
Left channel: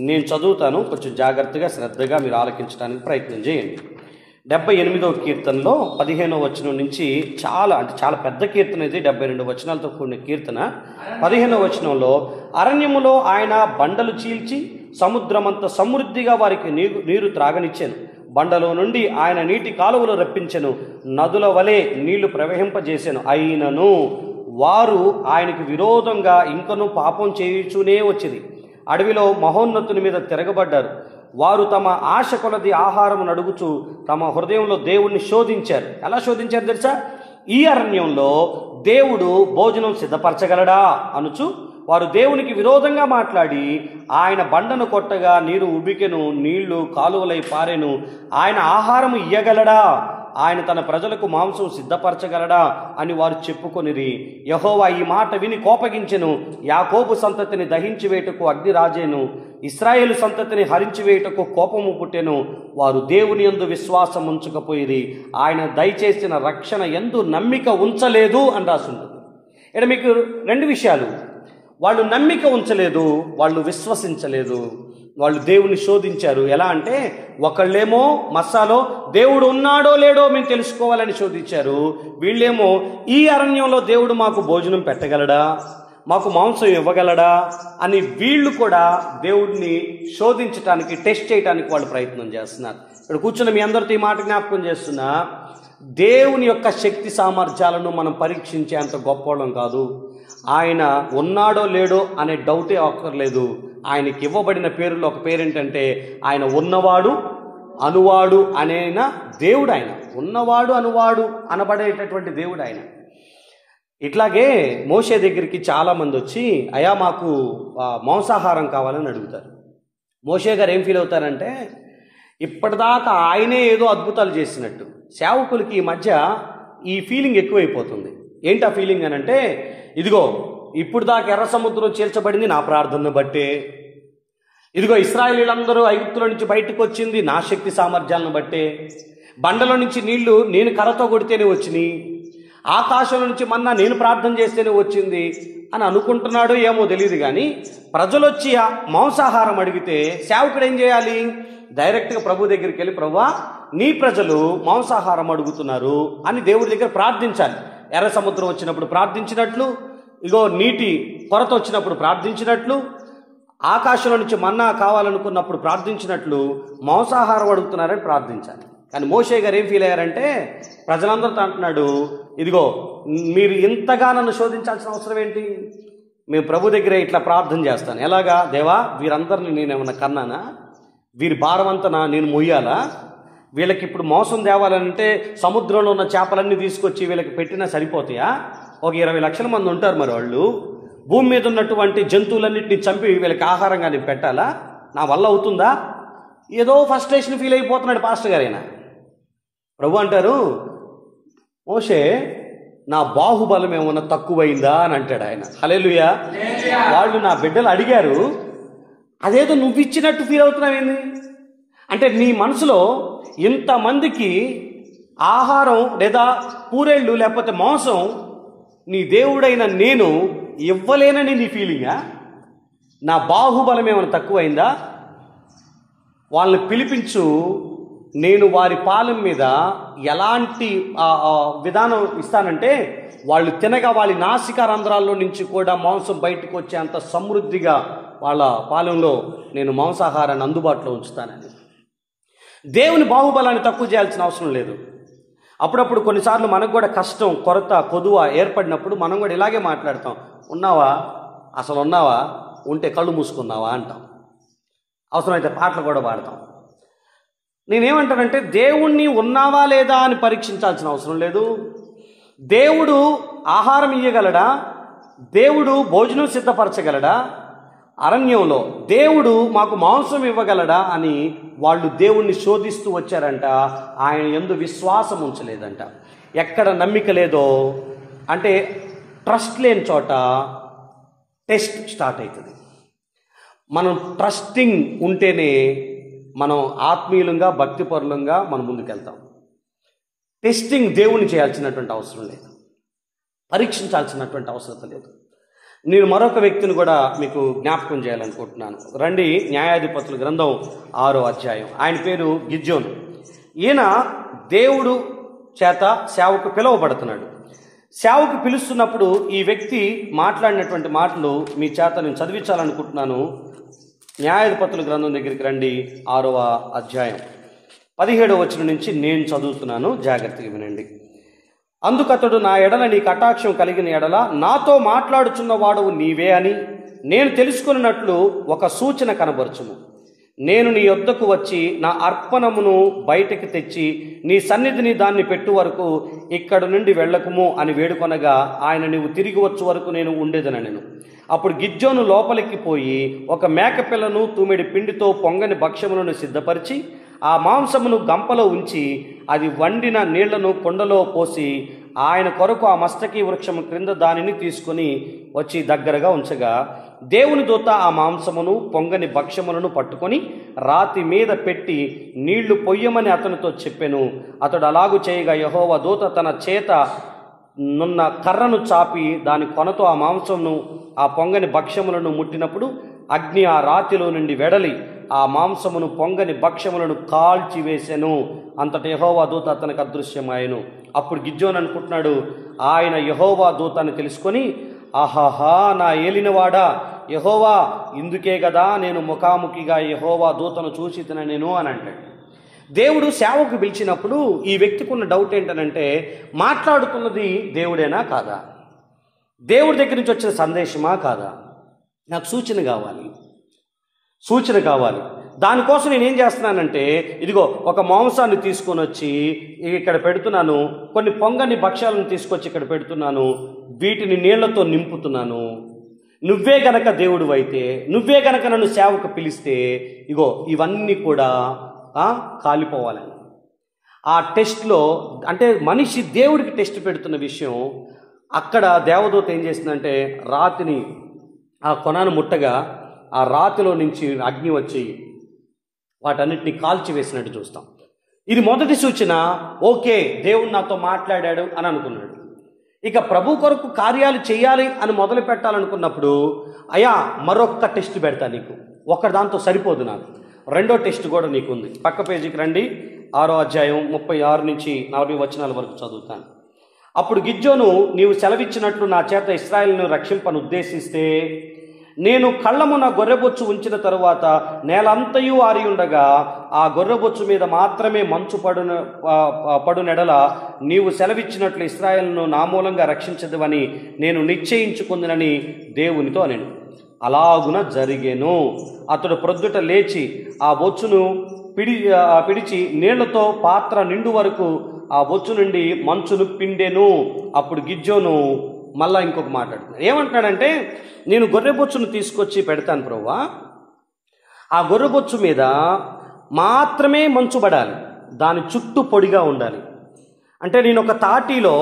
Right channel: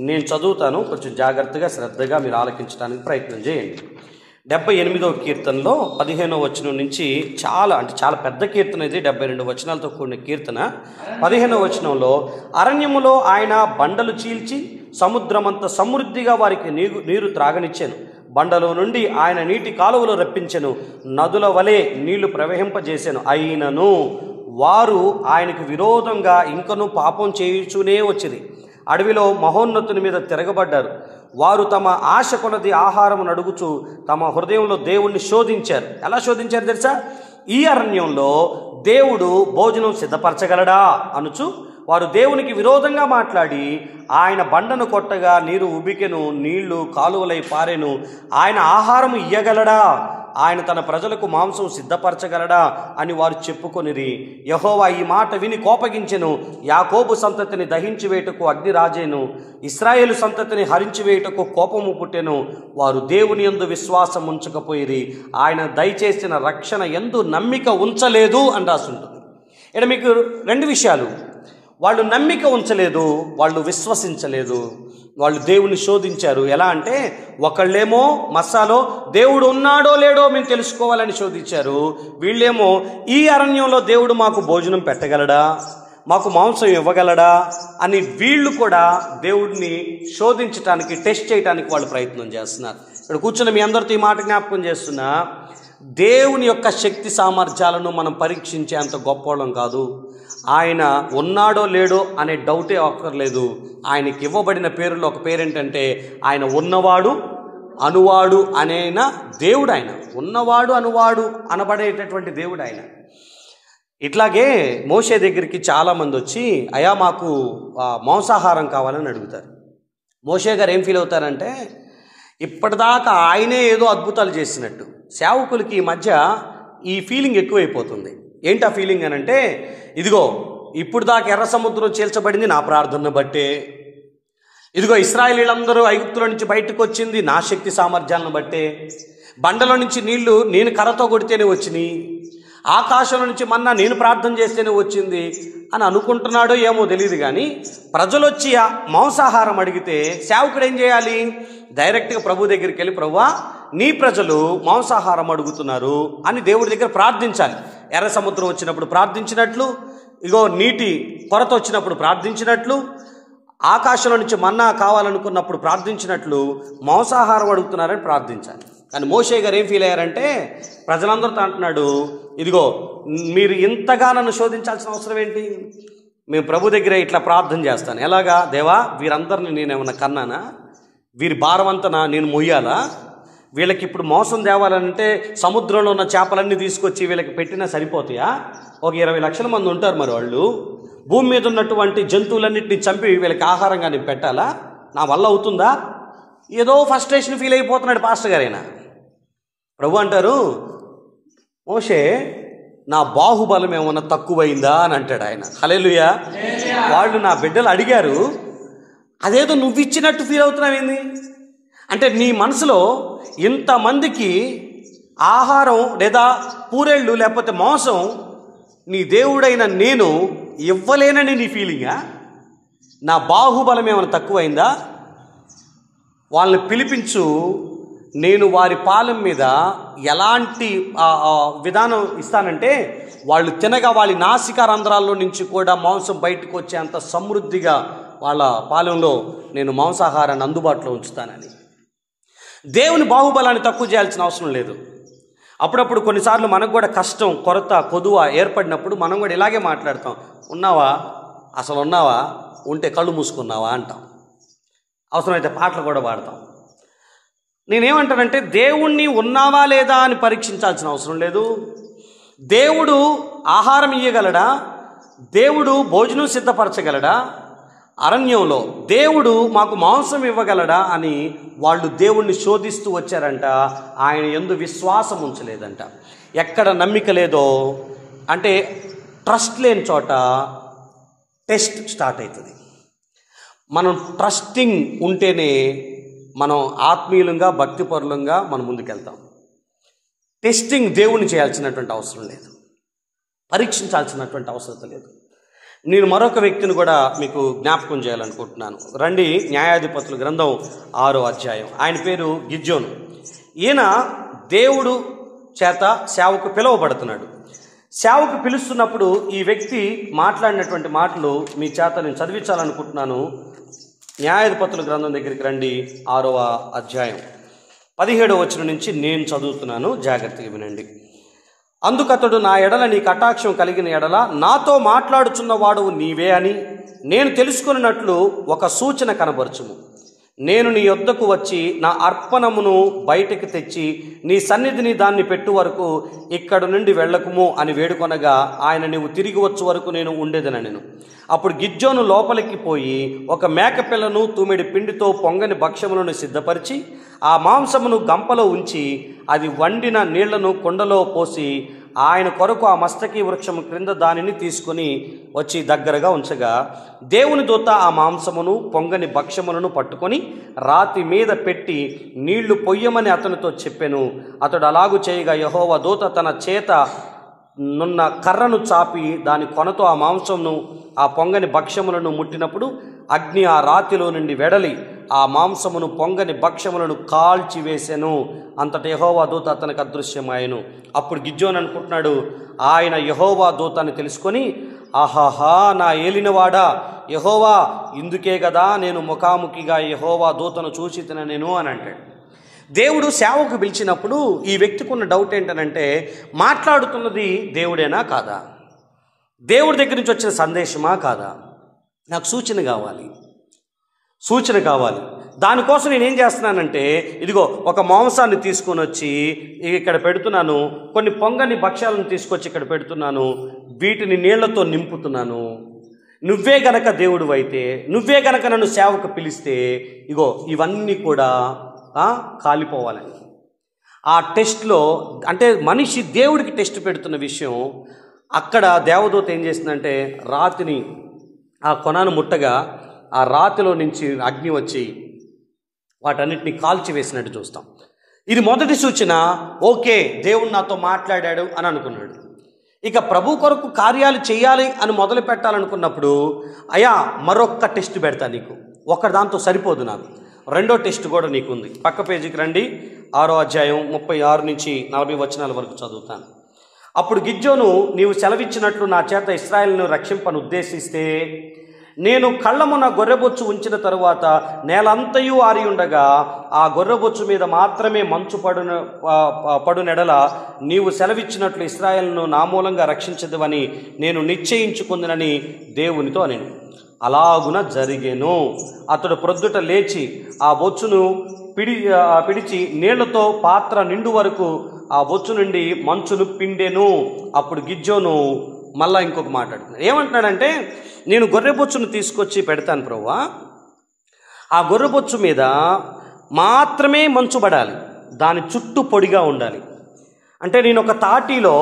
నేను చదువుతాను. కొంచెం జాగ్రత్తగా, శ్రద్ధగా మీరు ఆలకించడానికి ప్రయత్నం చేయండి. 78వ కీర్తనలో 15వ వచనం నుంచి చాలా పెద్ద కీర్తన ఇది. 72 వచనాలతో కూడిన కీర్తన. 15వ వచనంలో, అరణ్యములో ఆయన బండలు చీల్చి సముద్రమంత సమృద్ధిగా వారికి నీరు త్రాగనిచ్చాను. బండలో నుండి ఆయన నీటి కాలువలు రప్పించెను. నదుల వలె నీళ్లు ప్రవహింపజేశాను. అయినను వారు ఆయనకు విరోధంగా ఇంకనూ పాపం చేయుచూనే వచ్చింది. అడవిలో మహోన్నతుని మీద తిరగబడ్డారు. వారు తమ ఆశ కొలది ఆహారమును అడుగుచు తమ హృదయంలో దేవుణ్ణి శోధించారు. ఎలా శోధించారు తెలుసా? ఈ అరణ్యంలో దేవుడు భోజనం సిద్ధపరచగలడా అనుచు వారు దేవునికి విరోధంగా మాట్లాడి, ఆయన బండను కొట్టగా నీరు ఉబికెను, నీళ్లు కాలువలై పారెను. ఆయన ఆహారము ఇయ్యగలడా? ఆయన తన ప్రజలకు మాంసం సిద్ధపరచగలడా అని వారు చెప్పుకొనిరి. యెహోవా ఈ మాట విని కోపగించెను. యాకోబు సంతతిని దహించి వేయుటకు అగ్ని రాజేను, ఇశ్రాయేలు సంతతిని హరించి వేయుటకు కోపము పుట్టెను. వారు దేవుని యందు విశ్వాసం ఉంచకపోయిరి, ఆయన దయచేసిన రక్షణ యందు నమ్మిక ఉంచలేదు అని రాసుంటుంది. ఇక్కడ మీకు 2 విషయాలు. వాళ్ళు నమ్మిక ఉంచలేదు, వాళ్ళు విశ్వసించలేదు. వాళ్ళు దేవుణ్ణి శోధించారు. ఎలా అంటే ఒకళ్ళేమో మస్సాలో దేవుడు ఉన్నాడో లేడో మేము తెలుసుకోవాలని శోధించారు. వీళ్ళేమో ఈ అరణ్యంలో దేవుడు మాకు భోజనం పెట్టగలడా, మాకు మాంసం ఇవ్వగలడా అని వీళ్ళు కూడా దేవుడిని శోధించడానికి, టెస్ట్ చేయడానికి వాళ్ళు ప్రయత్నం చేస్తున్నారు. ఇక్కడ కూర్చున్న మీ అందరితో ఈ మాట జ్ఞాపకం చేస్తున్నా, దేవుని యొక్క శక్తి సామర్థ్యాలను మనం పరీక్షించే అంత గొప్పవాళ్ళం కాదు. ఆయన ఉన్నాడో లేడో అనే డౌటే అక్కర్లేదు. ఆయనకి ఇవ్వబడిన పేరులో ఒక పేరేంటంటే ఆయన ఉన్నవాడు అనువాడు అనేన దేవుడు. ఆయన ఉన్నవాడు అనువాడు అనబడేటటువంటి దేవుడు ఆయన. ఇట్లాగే మోషే దగ్గరికి చాలామంది వచ్చి అయ్యా మాకు మాంసాహారం కావాలని అడుగుతారు. మోషే గారు ఏం ఫీల్ అవుతారంటే ఇప్పటిదాకా ఆయనే ఏదో అద్భుతాలు చేసినట్టు. సేవకులకి ఈ మధ్య ఈ ఫీలింగ్ ఎక్కువైపోతుంది. ఏంటి ఆ ఫీలింగ్ అని అంటే, ఇదిగో ఇప్పుడు దాకా ఎర్ర సముద్రం చీల్చబడింది నా ప్రార్థనను బట్టే, ఇదిగో ఇశ్రాయేలీలందరూ ఐగుప్తుల నుంచి బయటకు వచ్చింది నా శక్తి సామర్థ్యాలను బట్టే, బండలో నుంచి నీళ్లు నేను కర్రతో కొడితేనే వచ్చినాయి, ఆకాశంలో నుంచి మన్నా నేను ప్రార్థన చేస్తేనే వచ్చింది అని అనుకుంటున్నాడో ఏమో తెలియదు. కానీ ప్రజలు వచ్చి మాంసాహారం అడిగితే సేవకుడు ఏం చేయాలి? డైరెక్ట్గా ప్రభు దగ్గరికి వెళ్ళి, ప్రభువా నీ ప్రజలు మాంసాహారం అడుగుతున్నారు అని దేవుడి దగ్గర ప్రార్థించాలి. ఎర్ర సముద్రం వచ్చినప్పుడు ప్రార్థించినట్లు, ఇగో నీటి కొరత వచ్చినప్పుడు ప్రార్థించినట్లు, ఆకాశంలో నుంచి మన్నా కావాలనుకున్నప్పుడు ప్రార్థించినట్లు మాంసాహారం అడుగుతున్నారని ప్రార్థించాలి. కానీ మోషే గారు ఏం ఫీల్ అయ్యారంటే ప్రజలందరితో అంటున్నాడు, ఇదిగో మీరు ఇంతగా నన్ను శోధించాల్సిన అవసరం ఏంటి? మేము ప్రభు దగ్గర ఇట్లా ప్రార్థన చేస్తాను. ఎలాగా? దేవా వీరందరిని నేనేమన్నా కన్నానా? వీరి భారమంతా నేను మొయ్యాలా? వీళ్ళకి ఇప్పుడు మోసం తేవాలంటే సముద్రంలో ఉన్న చేపలన్నీ తీసుకొచ్చి వీళ్ళకి పెట్టినా సరిపోతాయా? ఒక 20 లక్షల మంది ఉంటారు. మరి వాళ్ళు భూమి మీద ఉన్నటువంటి జంతువులన్నింటినీ చంపి వీళ్ళకి ఆహారంగా నేను పెట్టాలా? నా వల్ల అవుతుందా? ఏదో ఫస్ట్రేషన్ ఫీల్ అయిపోతున్నాడు పాస్టర్ గారైనా. ప్రభు అంటారు, మోషే నా బాహుబలం ఏమన్నా తక్కువైందా అని అంటాడు ఆయన. హల్లెలూయా. వాళ్ళు నా బిడ్డలు అడిగారు, అదేదో నువ్వు ఇచ్చినట్టు ఫీల్ అవుతున్నావేంది అంటే నీ మనసులో ఇంతమందికి ఆహారం లేదా పూరేళ్ళు లేకపోతే మాంసం నీ దేవుడైన నేను ఇవ్వలేనని నీ ఫీలింగా? నా బాహుబలం ఏమైనా తక్కువైందా? వాళ్ళని పిలిపించు, నేను వారి పాలెం మీద ఎలాంటి విధానం ఇస్తానంటే వాళ్ళు తినగా వాళ్ళ నాసికా రంధ్రాల్లో నుంచి కూడా మాంసం బయటకు వచ్చేంత సమృద్ధిగా వాళ్ళ పాలెంలో నేను మాంసాహారాన్ని అందుబాటులో ఉంచుతానని. దేవుని బాహుబలాన్ని తక్కువ చేయాల్సిన అవసరం లేదు. అప్పుడప్పుడు కొన్నిసార్లు మనకు కూడా కష్టం, కొరత, కొదువ ఏర్పడినప్పుడు మనం కూడా ఇలాగే మాట్లాడతాం. ఉన్నావా? అసలు ఉన్నావా? ఉంటే కళ్ళు మూసుకున్నావా అంటాం. అవసరమైతే పాటలు కూడా పాడతాం. నేనేమంటానంటే దేవుణ్ణి ఉన్నావా లేదా అని పరీక్షించాల్సిన అవసరం లేదు. దేవుడు ఆహారం ఇయ్యగలడా? దేవుడు భోజనం సిద్ధపరచగలడా? అరణ్యంలో దేవుడు మాకు మాంసం ఇవ్వగలడా అని వాళ్ళు దేవుణ్ణి శోధిస్తూ వచ్చారంట. ఆయన యందు విశ్వాసం ఉంచలేదంట. ఎక్కడ నమ్మిక లేదో అంటే ట్రస్ట్ లేని చోట టెస్ట్ స్టార్ట్ అవుతుంది. మనం ట్రస్టింగ్ ఉంటేనే మనం ఆత్మీయులంగా భక్తిపరులంగా మనం ముందుకెళ్తాం. టెస్టింగ్ దేవుణ్ణి చేయాల్సినటువంటి అవసరం లేదు, పరీక్షించాల్సినటువంటి అవసరం లేదు. నేను మరొక వ్యక్తిని కూడా మీకు జ్ఞాపకం చేయాలనుకుంటున్నాను. రండి, న్యాయాధిపతుల గ్రంథం 6వ అధ్యాయం. ఆయన పేరు గిద్యోను. ఈయన దేవుడు చేత సేవకు పిలువబడుతున్నాడు. సేవకు పిలుస్తున్నప్పుడు ఈ వ్యక్తి మాట్లాడినటువంటి మాటలు మీ చేత నేను చదివించాలనుకుంటున్నాను. న్యాయాధిపతుల గ్రంథం దగ్గరికి రండి, 6వ అధ్యాయం 17వ వచనం నుంచి నేను చదువుతున్నాను, జాగ్రత్తగా వినండి. అందుకతడు, నా ఎడల నీ కటాక్షం కలిగిన ఎడల నాతో మాట్లాడుచున్న వాడు నీవే అని నేను తెలుసుకున్నట్లు ఒక సూచన కనబరచుము. నేను నీ యొద్దకు వచ్చి నా అర్పణమును బయటకు తెచ్చి నీ సన్నిధిని దాన్ని పెట్టు వరకు ఇక్కడ నుండి వెళ్ళకుము అని వేడుకొనగా ఆయన నీవు తిరిగి వచ్చు వరకు నేను ఉండేదనెను. అప్పుడు గిద్యోను లోపలికి పోయి ఒక మేకపిల్లను తూమెడి పిండితో పొంగని భక్ష్యములను సిద్ధపరిచి ఆ మాంసమును గంపలో ఉంచి అది వండిన నీళ్లను కుండలో పోసి ఆయన కొరకు ఆ మస్తకి వృక్షము క్రింద దానిని తీసుకుని వచ్చి దగ్గరగా ఉంచగా దేవుని దూత ఆ మాంసమును పొంగని భక్ష్యములను పట్టుకొని రాతి మీద పెట్టి నీళ్లు పొయ్యమని అతనితో చెప్పెను. అతడు అలాగు చేయగా యెహోవా దూత తన చేత నున్న కర్రను చాపి దాని కొనతో ఆ మాంసమును ఆ పొంగని భక్ష్యములను ముట్టినప్పుడు అగ్ని ఆ రాతిలో నుండి వెడలి ఆ మాంసమును పొంగని భక్ష్యములను కాల్చివేసెను. అంతట యెహోవా దూత అతనికి అదృశ్యమాయెను. అప్పుడు గిద్యోను అనుకుంటున్నాడు, ఆయన యెహోవా దూత అని తెలుసుకొని, ఆహాహా నా ఏలినవాడా యెహోవా, ఇందుకే కదా నేను ముఖాముఖిగా యెహోవా దూతను చూసి నేను అని అంటాడు. దేవుడు సేవకు పిలిచినప్పుడు ఈ వ్యక్తికి ఉన్న డౌట్ ఏంటనంటే, మాట్లాడుతున్నది దేవుడేనా కాదా, దేవుడి దగ్గర నుంచి వచ్చిన సందేశమా కాదా, నాకు సూచన కావాలి. దానికోసం నేనేం చేస్తున్నానంటే, ఇదిగో ఒక మాంసాన్ని తీసుకొని వచ్చి ఇక్కడ పెడుతున్నాను, కొన్ని పొంగని భక్ష్యాలను తీసుకొచ్చి ఇక్కడ పెడుతున్నాను, వీటిని నీళ్లతో నింపుతున్నాను. నువ్వే గనక దేవుడు అయితే, నువ్వే గనక నన్ను సేవకు పిలిస్తే ఇగో ఇవన్నీ కూడా కాలిపోవాలని. ఆ టెస్ట్లో అంటే మనిషి దేవుడికి టెస్ట్ పెడుతున్న విషయం, అక్కడ దేవదూత ఏం చేసిందంటే రాతిని ఆ కొనను ముట్టగా ఆ రాతిలో నుంచి అగ్ని వచ్చి వాటన్నిటిని కాల్చివేసినట్టు చూస్తాం. ఇది మొదటి సూచన. ఓకే, దేవుడు నాతో మాట్లాడాడు అని అనుకున్నాడు. ఇక ప్రభు కొరకు కార్యాలు చేయాలి అని మొదలు పెట్టాలనుకున్నప్పుడు, అయ్యా మరొక్క టెస్ట్ పెడతా నీకు, ఒకటి దాంతో సరిపోదు, నాకు రెండో టెస్ట్ కూడా నీకుంది. పక్క పేజీకి రండి, 6వ అధ్యాయం 36 నుంచి 40 వచనాల వరకు చదువుతాను. అప్పుడు గిద్యోను, నీవు సెలవిచ్చినట్లు నా చేత ఇశ్రాయేలును రక్షింపను ఉద్దేశిస్తే, నేను కళ్ళమున గొర్రెబొచ్చు ఉంచిన తరువాత నేలంతయు ఆరి ఉండగా ఆ గొర్రెబొచ్చు మీద మాత్రమే మంచు పడునెడల నీవు సెలవిచ్చినట్లు ఇశ్రాయేలును నా మూలంగా రక్షించదువని నేను నిశ్చయించుకుందునని దేవునితో అనెను. అలాగున జరిగెను. అతడు ప్రొద్దుట లేచి ఆ బొచ్చును పిడిచి నీళ్లతో పాత్ర నిండు వరకు ఆ బొచ్చు నుండి మంచును పిండెను. అప్పుడు గిద్యోను మళ్ళా ఇంకొక మాట అంటున్నాడు. ఏమంటున్నాడంటే, నేను గొర్రెబొచ్చును తీసుకొచ్చి పెడతాను ప్రభువా, ఆ గొర్రెబొచ్చు మీద మాత్రమే మంచు పడాలి, దాని చుట్టూ పొడిగా ఉండాలి. అంటే నేను ఒక తాటిలో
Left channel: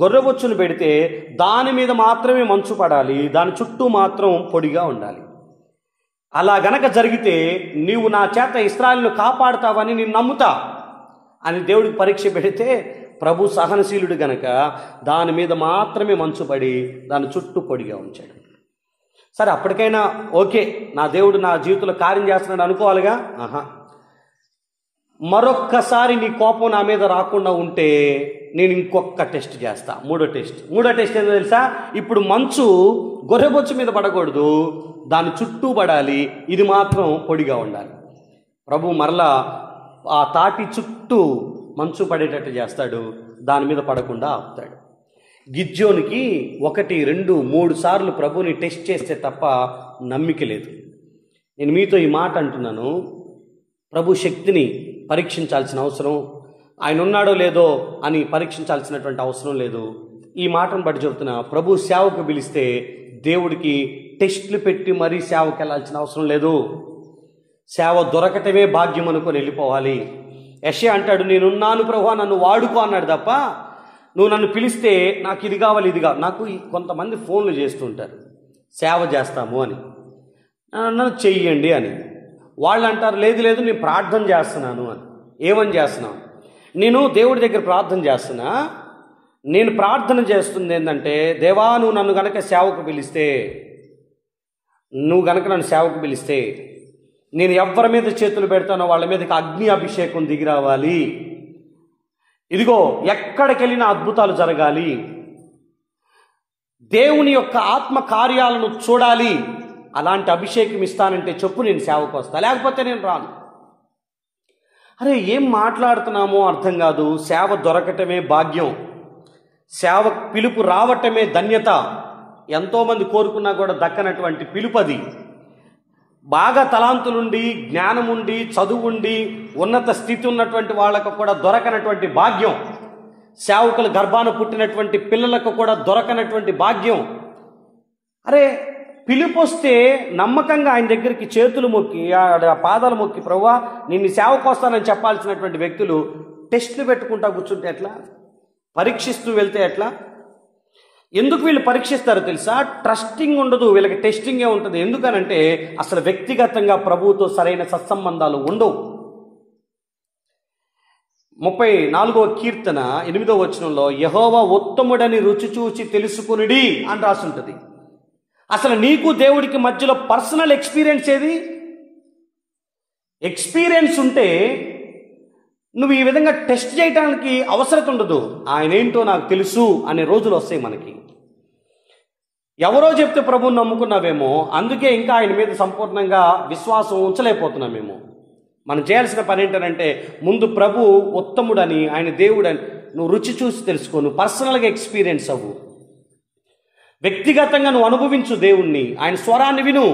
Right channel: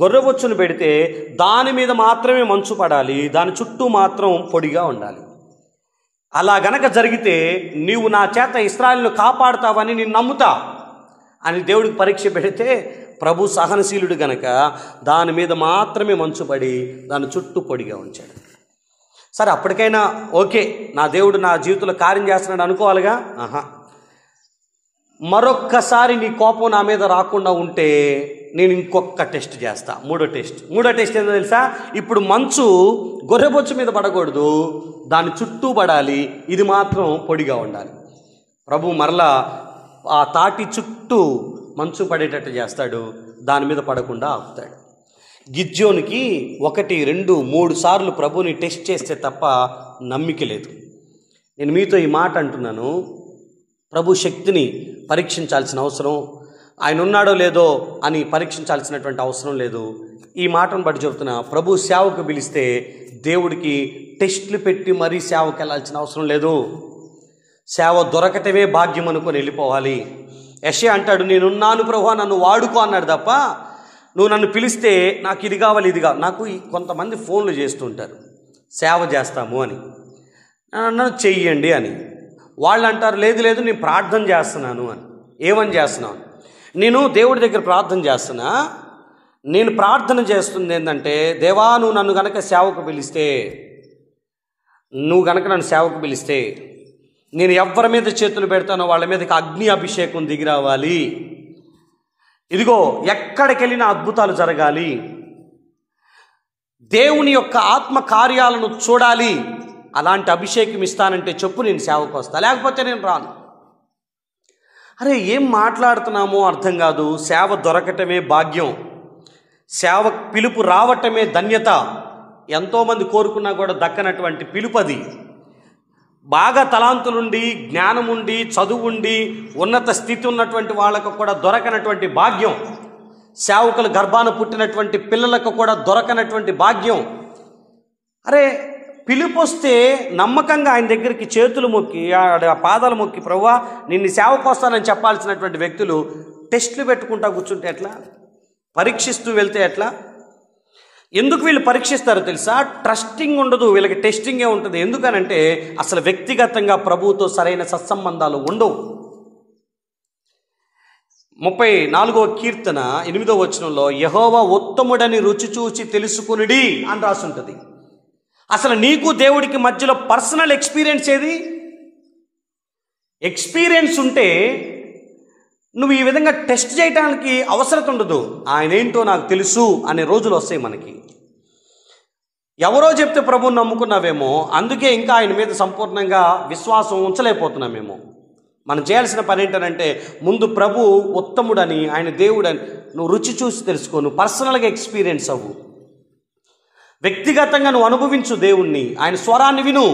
గొర్రెబొచ్చును పెడితే దాని మీద మాత్రమే మంచు పడాలి, దాని చుట్టూ మాత్రం పొడిగా ఉండాలి. అలా గనక జరిగితే నీవు నా చేత ఇశ్రాయేలును కాపాడుతావని నేను నమ్ముతా అని దేవుడికి పరీక్ష పెడితే, ప్రభు సహనశీలుడు గనక దాని మీద మాత్రమే మంచు పడి దాని చుట్టూ పొడిగా ఉంచాడు. సరే, అప్పటికైనా ఓకే, నా దేవుడు నా జీవితంలో కార్యం చేస్తున్నాడు అనుకోవాలిగా. మరొక్కసారి నీ కోపం నా మీద రాకుండా ఉంటే నేను ఇంకొక టెస్ట్ చేస్తా, మూడో టెస్ట్ ఏంటో తెలుసా? ఇప్పుడు మంచు గొర్రెబొచ్చు మీద పడకూడదు, దాని చుట్టూ పడాలి, ఇది మాత్రం పొడిగా ఉండాలి. ప్రభు మరలా ఆ తాటి చుట్టూ మంచు పడేటట్టు చేస్తాడు, దాని మీద పడకుండా ఆపుతాడు. గిద్యోనికి 1, 2, 3 సార్లు ప్రభుని టెస్ట్ చేస్తే తప్ప నమ్మిక లేదు. నేను మీతో ఈ మాట అంటున్నాను, ప్రభు శక్తిని పరీక్షించాల్సిన అవసరం, ఆయన ఉన్నాడో లేదో అని పరీక్షించాల్సినటువంటి అవసరం లేదు. ఈ మాటను బట్టి చెబుతున్నా, ప్రభు సేవకు పిలిస్తే దేవుడికి టెస్టులు పెట్టి మరీ సేవకు వెళ్ళాల్సిన అవసరం లేదు. సేవ దొరకటమే భాగ్యం అనుకొని వెళ్ళిపోవాలి. యెషయా అంటాడు, నేనున్నాను ప్రభువా నన్ను వాడుకో అన్నాడు తప్ప, నువ్వు నన్ను పిలిస్తే నాకు ఇది కావాలి ఇది కావాలి. నాకు కొంతమంది ఫోన్లు చేస్తుంటారు, సేవ చేస్తాము అని, నన్ను చెయ్యండి అని. వాళ్ళు అంటారు, లేదు నేను ప్రార్థన చేస్తున్నాను అని. ఏమని చేస్తున్నాను? నేను దేవుడి దగ్గర ప్రార్థన చేస్తున్నా. నేను ప్రార్థన చేస్తుంది ఏంటంటే, దేవా నువ్వు నన్ను గనక సేవకు పిలిస్తే, నేను ఎవరి మీద చేతులు పెడతానో వాళ్ళ మీదకి అగ్ని అభిషేకం దిగి రావాలి. ఇదిగో ఎక్కడికి వెళ్ళినా అద్భుతాలు జరగాలి, దేవుని యొక్క ఆత్మ కార్యాలను చూడాలి. అలాంటి అభిషేకం ఇస్తానంటే చెప్పు, నేను సేవకు వస్తా, లేకపోతే నేను రాను. అరే ఏం మాట్లాడుతున్నామో అర్థం కాదు. సేవ దొరకటమే భాగ్యం, సేవ పిలుపు రావటమే ధన్యత. ఎంతోమంది కోరుకున్నా కూడా దక్కనటువంటి పిలుపది. బాగా తలాంతులుండి, జ్ఞానముండి, చదువుండి, ఉన్నత స్థితి ఉన్నటువంటి వాళ్ళకు కూడా దొరకనటువంటి భాగ్యం, సేవకుల గర్భాన పుట్టినటువంటి పిల్లలకు కూడా దొరకనటువంటి భాగ్యం. అరే పిలుపు వస్తే నమ్మకంగా ఆయన దగ్గరికి చేతులు మొక్కి, పాదాలు మొక్కి, ప్రభువా నిన్ను సేవకు వస్తానని చెప్పాల్సినటువంటి వ్యక్తులు టెస్టులు పెట్టుకుంటా కూర్చుంటే ఎట్లా? పరీక్షిస్తూ వెళ్తే ఎట్లా? ఎందుకు వీళ్ళు పరీక్షిస్తారో తెలుసా? ట్రస్టింగ్ ఉండదు వీళ్ళకి, టెస్టింగే ఉంటుంది. ఎందుకనంటే అసలు వ్యక్తిగతంగా ప్రభువుతో సరైన సత్సంబంధాలు ఉండవు. 34వ కీర్తన 8వ వచనంలో యెహోవా ఉత్తముడని రుచి చూచి తెలుసుకునుడి అని రాసి ఉంటుంది. అసలు నీకు దేవుడికి మధ్యలో పర్సనల్ ఎక్స్పీరియన్స్ ఏది? ఎక్స్పీరియన్స్ ఉంటే నువ్వు ఈ విధంగా టెస్ట్ చేయడానికి అవసరం ఉండదు. ఆయన ఏంటో నాకు తెలుసు అనే రోజులు వస్తాయి మనకి. ఎవరో చెప్తే ప్రభువుని నమ్ముకున్నావేమో, అందుకే ఇంకా ఆయన మీద సంపూర్ణంగా విశ్వాసం ఉంచలేకపోతున్నామేమో. మనం చేయాల్సిన పని ఏంటంటే ముందు ప్రభు ఉత్తముడని, ఆయన దేవుడని నువ్వు రుచి చూసి తెలుసుకో. నువ్వు పర్సనల్గా ఎక్స్పీరియన్స్ అవ్వు, వ్యక్తిగతంగా నువ్వు అనుభవించు దేవుణ్ణి. ఆయన స్వరాన్ని విను,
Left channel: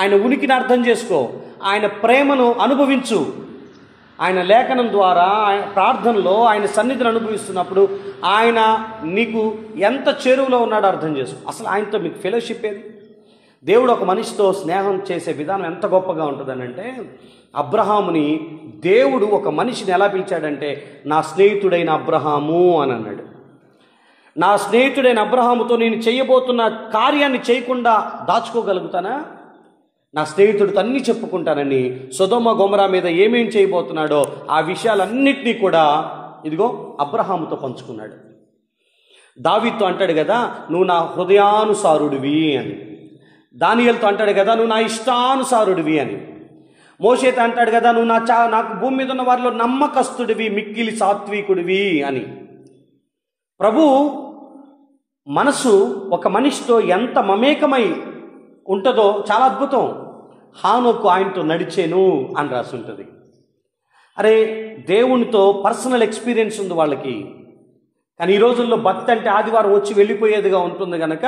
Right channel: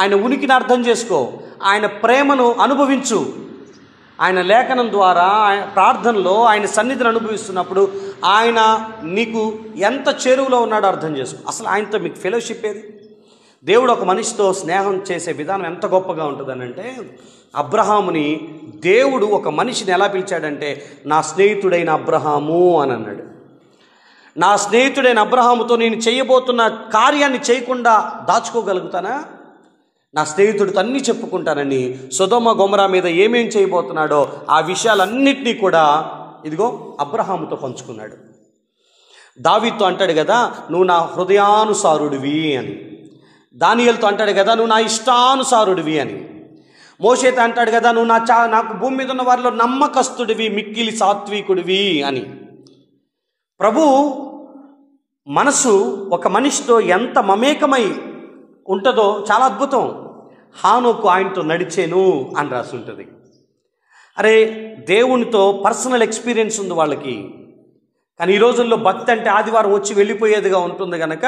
ఆయన ఉనికిని అర్థం చేసుకో, ఆయన ప్రేమను అనుభవించు. ఆయన లేఖనం ద్వారా, ఆయన ప్రార్థనలో ఆయన సన్నిధిని అనుభవిస్తున్నప్పుడు ఆయన నీకు ఎంత చేరువలో ఉన్నాడో అర్థం చేసుకో. అసలు ఆయనతో మీకు ఫెలోషిప్ ఏది? దేవుడు ఒక మనిషితో స్నేహం చేసే విధానం ఎంత గొప్పగా ఉంటుందనంటే, అబ్రహాముని దేవుడు ఒక మనిషిని ఎలా పిలిచాడంటే, నా స్నేహితుడైన అబ్రహాము అని అన్నాడు. నా స్నేహితుడైన అబ్రహాముతో నేను చేయబోతున్న కార్యాన్ని చేయకుండా దాచుకోగలుగుతానా? నా స్నేహితుడితో అన్నీ చెప్పుకుంటానని సొదొమ గొమొరా మీద ఏమేం చేయబోతున్నాడో ఆ విషయాలన్నింటినీ కూడా ఇదిగో అబ్రహాముతో పంచుకున్నాడు. దావీదుతో అంటాడు కదా, నువ్వు నా హృదయానుసారుడివి అని. దానియేలుతో అంటాడు కదా, నువ్వు నా ఇష్టానుసారుడివి అని. మోషేతో అంటాడు కదా, నువ్వు నాకు భూమి మీద ఉన్న వారిలో నమ్మకస్తుడివి, మిక్కిలి సాత్వికుడివి అని. ప్రభు మనసు ఒక మనిషితో ఎంత మమేకమై ఉంటుందో చాలా అద్భుతం. హానోకు ఆయనతో నడిచేను అని రాసి ఉంటుంది. అరే, దేవునితో పర్సనల్ ఎక్స్పీరియన్స్ ఉంది వాళ్ళకి. కానీ ఈ రోజుల్లో భక్తి అంటే ఆదివారం వచ్చి వెళ్ళిపోయేదిగా ఉంటుంది కనుక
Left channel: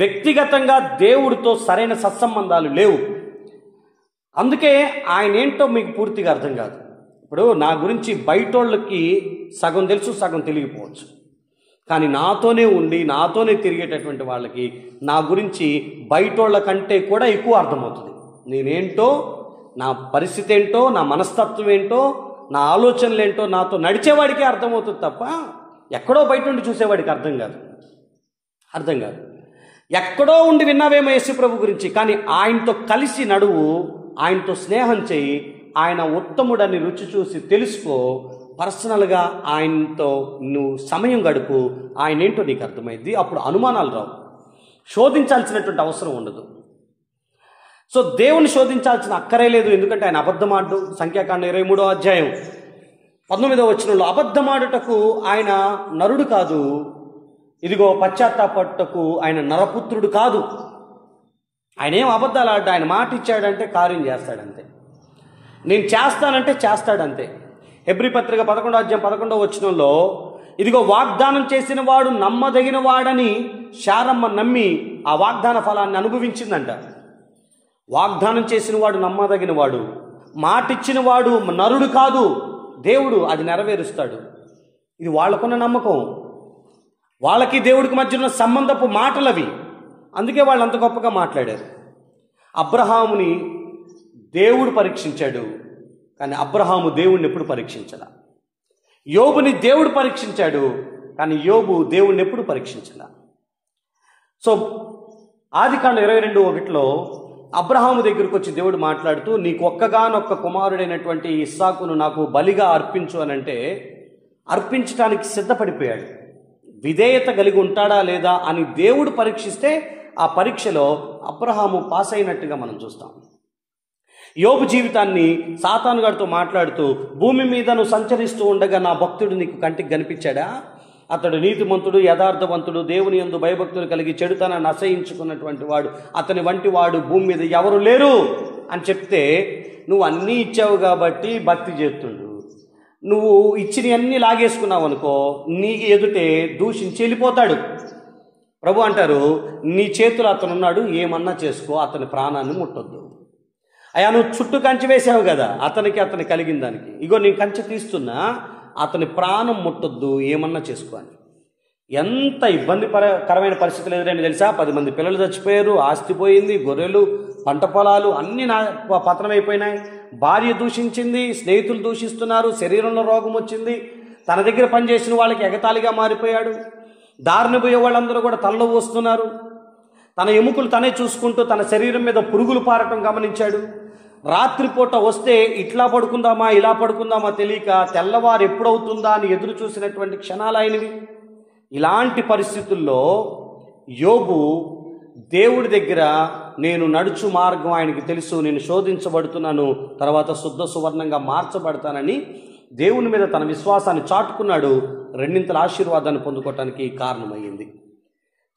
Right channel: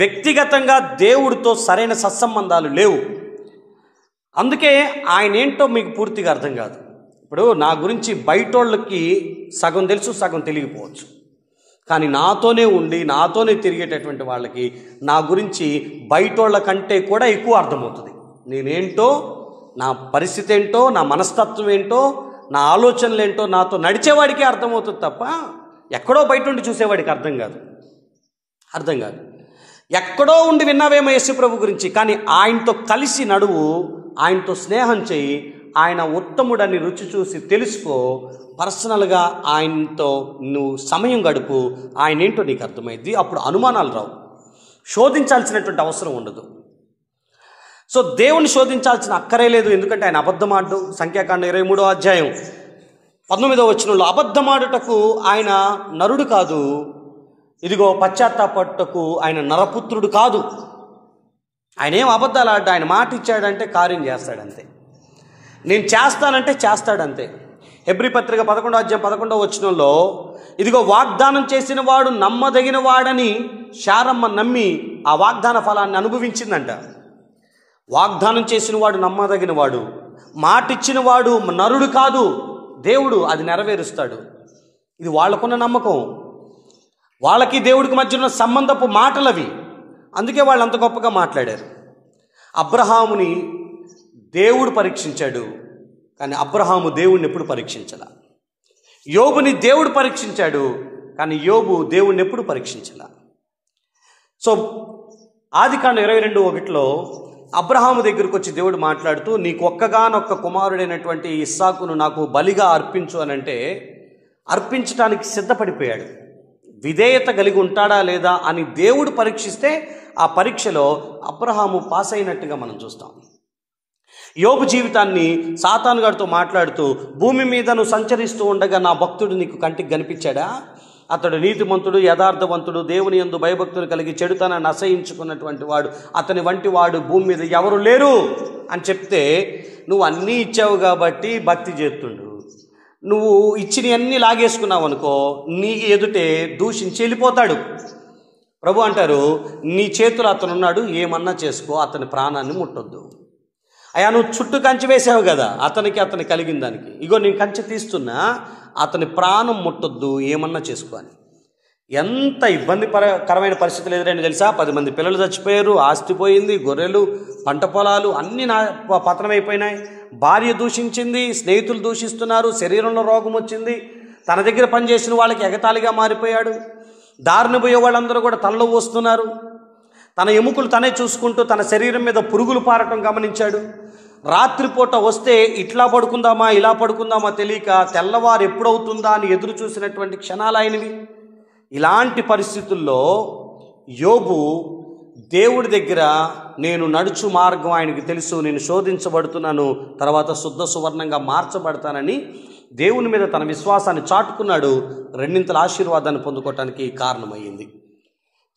వ్యక్తిగతంగా దేవుడితో సరైన సత్సంబంధాలు లేవు. అందుకే ఆయన ఏంటో మీకు పూర్తిగా అర్థం కాదు. ఇప్పుడు నా గురించి బయటోళ్ళకి సగం తెలుసు, సగం తెలియకపోవచ్చు. కానీ నాతోనే ఉండి నాతోనే తిరిగేటటువంటి వాళ్ళకి నా గురించి బయటోళ్ళ కంటే కూడా ఎక్కువ అర్థమవుతుంది. నేనేంటో, నా పరిస్థితి ఏంటో, నా మనస్తత్వం ఏంటో, నా ఆలోచనలు ఏంటో నాతో నడిచేవాడికే అర్థమవుతుంది తప్ప ఎక్కడో బయట ఉండి చూసేవాడికి అర్థం కాదు. ఎక్కడో ఉండి విన్నావేమో యేసు ప్రభు గురించి, కానీ ఆయనతో కలిసి నడువు, ఆయనతో స్నేహం చేయి, ఆయన ఉత్తముడని రుచి చూసి తెలుసుకో. పర్సనల్గా ఆయనతో నువ్వు సమయం గడుపు, ఆయన ఏంటో నీకు అర్థమైంది. అప్పుడు అనుమానాలు రావు, శోధించాల్సినటువంటి అవసరం ఉండదు. సో దేవుని శోధించాల్సిన అక్కరే లేదు. ఎందుకంటే ఆయన అబద్ధమాడు. సంఖ్యాకాండం 23వ అధ్యాయం 19వ వచనంలో అబద్ధమాడుటకు ఆయన నరుడు కాదు, ఇదిగో పశ్చాత్తాపట్టుటకు ఆయన నరపుత్రుడు కాదు. ఆయన ఏం అబద్ధాలు ఆడ, ఆయన మాట ఇచ్చాడంటే కార్యం చేస్తాడంతే. నేను చేస్తానంటే చేస్తాడంతే. హెబ్రీ పత్రిక 11వ అధ్యాయం 11వ వచనంలో ఇదిగో వాగ్దానం చేసిన వాడు నమ్మదగిన వాడని శారమ్మ నమ్మి ఆ వాగ్దాన ఫలాన్ని అనుభవించిందంట. వాగ్దానం చేసిన వాడు నమ్మదగిన వాడు, మాట ఇచ్చిన వాడు నరుడు కాదు, దేవుడు అది నెరవేరుస్తాడు. ఇది వాళ్ళకున్న నమ్మకం, వాళ్ళకి దేవుడికి మధ్య ఉన్న సంబంధపు మాటలవి. అందుకే వాళ్ళు అంత గొప్పగా మాట్లాడారు. అబ్రహాముని దేవుడు పరీక్షించాడు, కానీ అబ్రహాము దేవుడిని ఎప్పుడు పరీక్షించాల. యోబుని దేవుడు పరీక్షించాడు, కానీ యోబు దేవుడిని ఎప్పుడు పరీక్షించాల. సో ఆదికాండం 22:1 అబ్రహాము దగ్గరకు వచ్చి దేవుడు మాట్లాడుతూ, నీకు ఒక్కగానొక్క కుమారుడైనటువంటి ఇస్సాకును నాకు బలిగా అర్పించు అని అంటే అర్పించడానికి సిద్ధపడిపోయాడు. విధేయత కలిగి ఉంటాడా లేదా అని దేవుడు పరీక్షిస్తే ఆ పరీక్షలో అబ్రహాము పాస్ అయినట్టుగా మనం చూస్తాం. యోబు జీవితాన్ని సాతాను గారితో మాట్లాడుతూ, భూమి మీద నువ్వు సంచరిస్తూ ఉండగా నా భక్తుడు నీకు కంటికి కనిపించాడా? అతడు నీతిమంతుడు, యథార్థవంతుడు, దేవుని యందు భయభక్తులు కలిగి చెడుతనాన్ని అసహించుకున్నటువంటి వాడు, అతని వంటి వాడు భూమి మీద ఎవరు లేరు అని చెప్తే, నువ్వు అన్నీ ఇచ్చావు కాబట్టి భక్తి చేస్తుండు, నువ్వు ఇచ్చినవన్నీ లాగేసుకున్నావు అనుకో, నీ ఎదుటే దూషించి వెళ్ళిపోతాడు. ప్రభు అంటారు, నీ చేతులు అతనున్నాడు, ఏమన్నా చేసుకో, అతని ప్రాణాన్ని ముట్టొద్దు. అయ్యా, నువ్వు చుట్టూ కంచె వేసావు కదా, అతని కలిగిన దానికి, ఇగో నేను కంచె తీస్తున్నా, అతని ప్రాణం ముట్టొద్దు, ఏమన్నా చేసుకో అని. ఎంత ఇబ్బందికరమైన పరిస్థితులు ఎదురైంది తెలుసా? 10 మంది పిల్లలు చచ్చిపోయారు, ఆస్తి పోయింది, గొర్రెలు, పంట పొలాలు అన్నీ పతనమైపోయినాయి. భార్య దూషించింది, స్నేహితులు దూషిస్తున్నారు, శరీరంలో రోగం వచ్చింది, తన దగ్గర పనిచేసిన వాళ్ళకి ఎగతాళిగా మారిపోయాడు. దారిని పోయే వాళ్ళందరూ కూడా తనలో వస్తున్నారు. తన ఎముకలు తనే చూసుకుంటూ తన శరీరం మీద పురుగులు పారటం గమనించాడు. రాత్రిపూట వస్తే ఇట్లా పడుకుందామా ఇలా పడుకుందామా తెలియక తెల్లవారు ఎప్పుడవుతుందా అని ఎదురు చూసినటువంటి క్షణాలు అయినవి. ఇలాంటి పరిస్థితుల్లో యోబు దేవుడి దగ్గర నేను నడుచు మార్గం ఆయనకి తెలుసు, నేను శోధించబడుతున్నాను, తర్వాత శుద్ధ సువర్ణంగా మార్చబడతానని దేవుని మీద తన విశ్వాసాన్ని చాటుకున్నాడు. రెండింతల ఆశీర్వాదాన్ని పొందుకోవటానికి కారణమయ్యింది.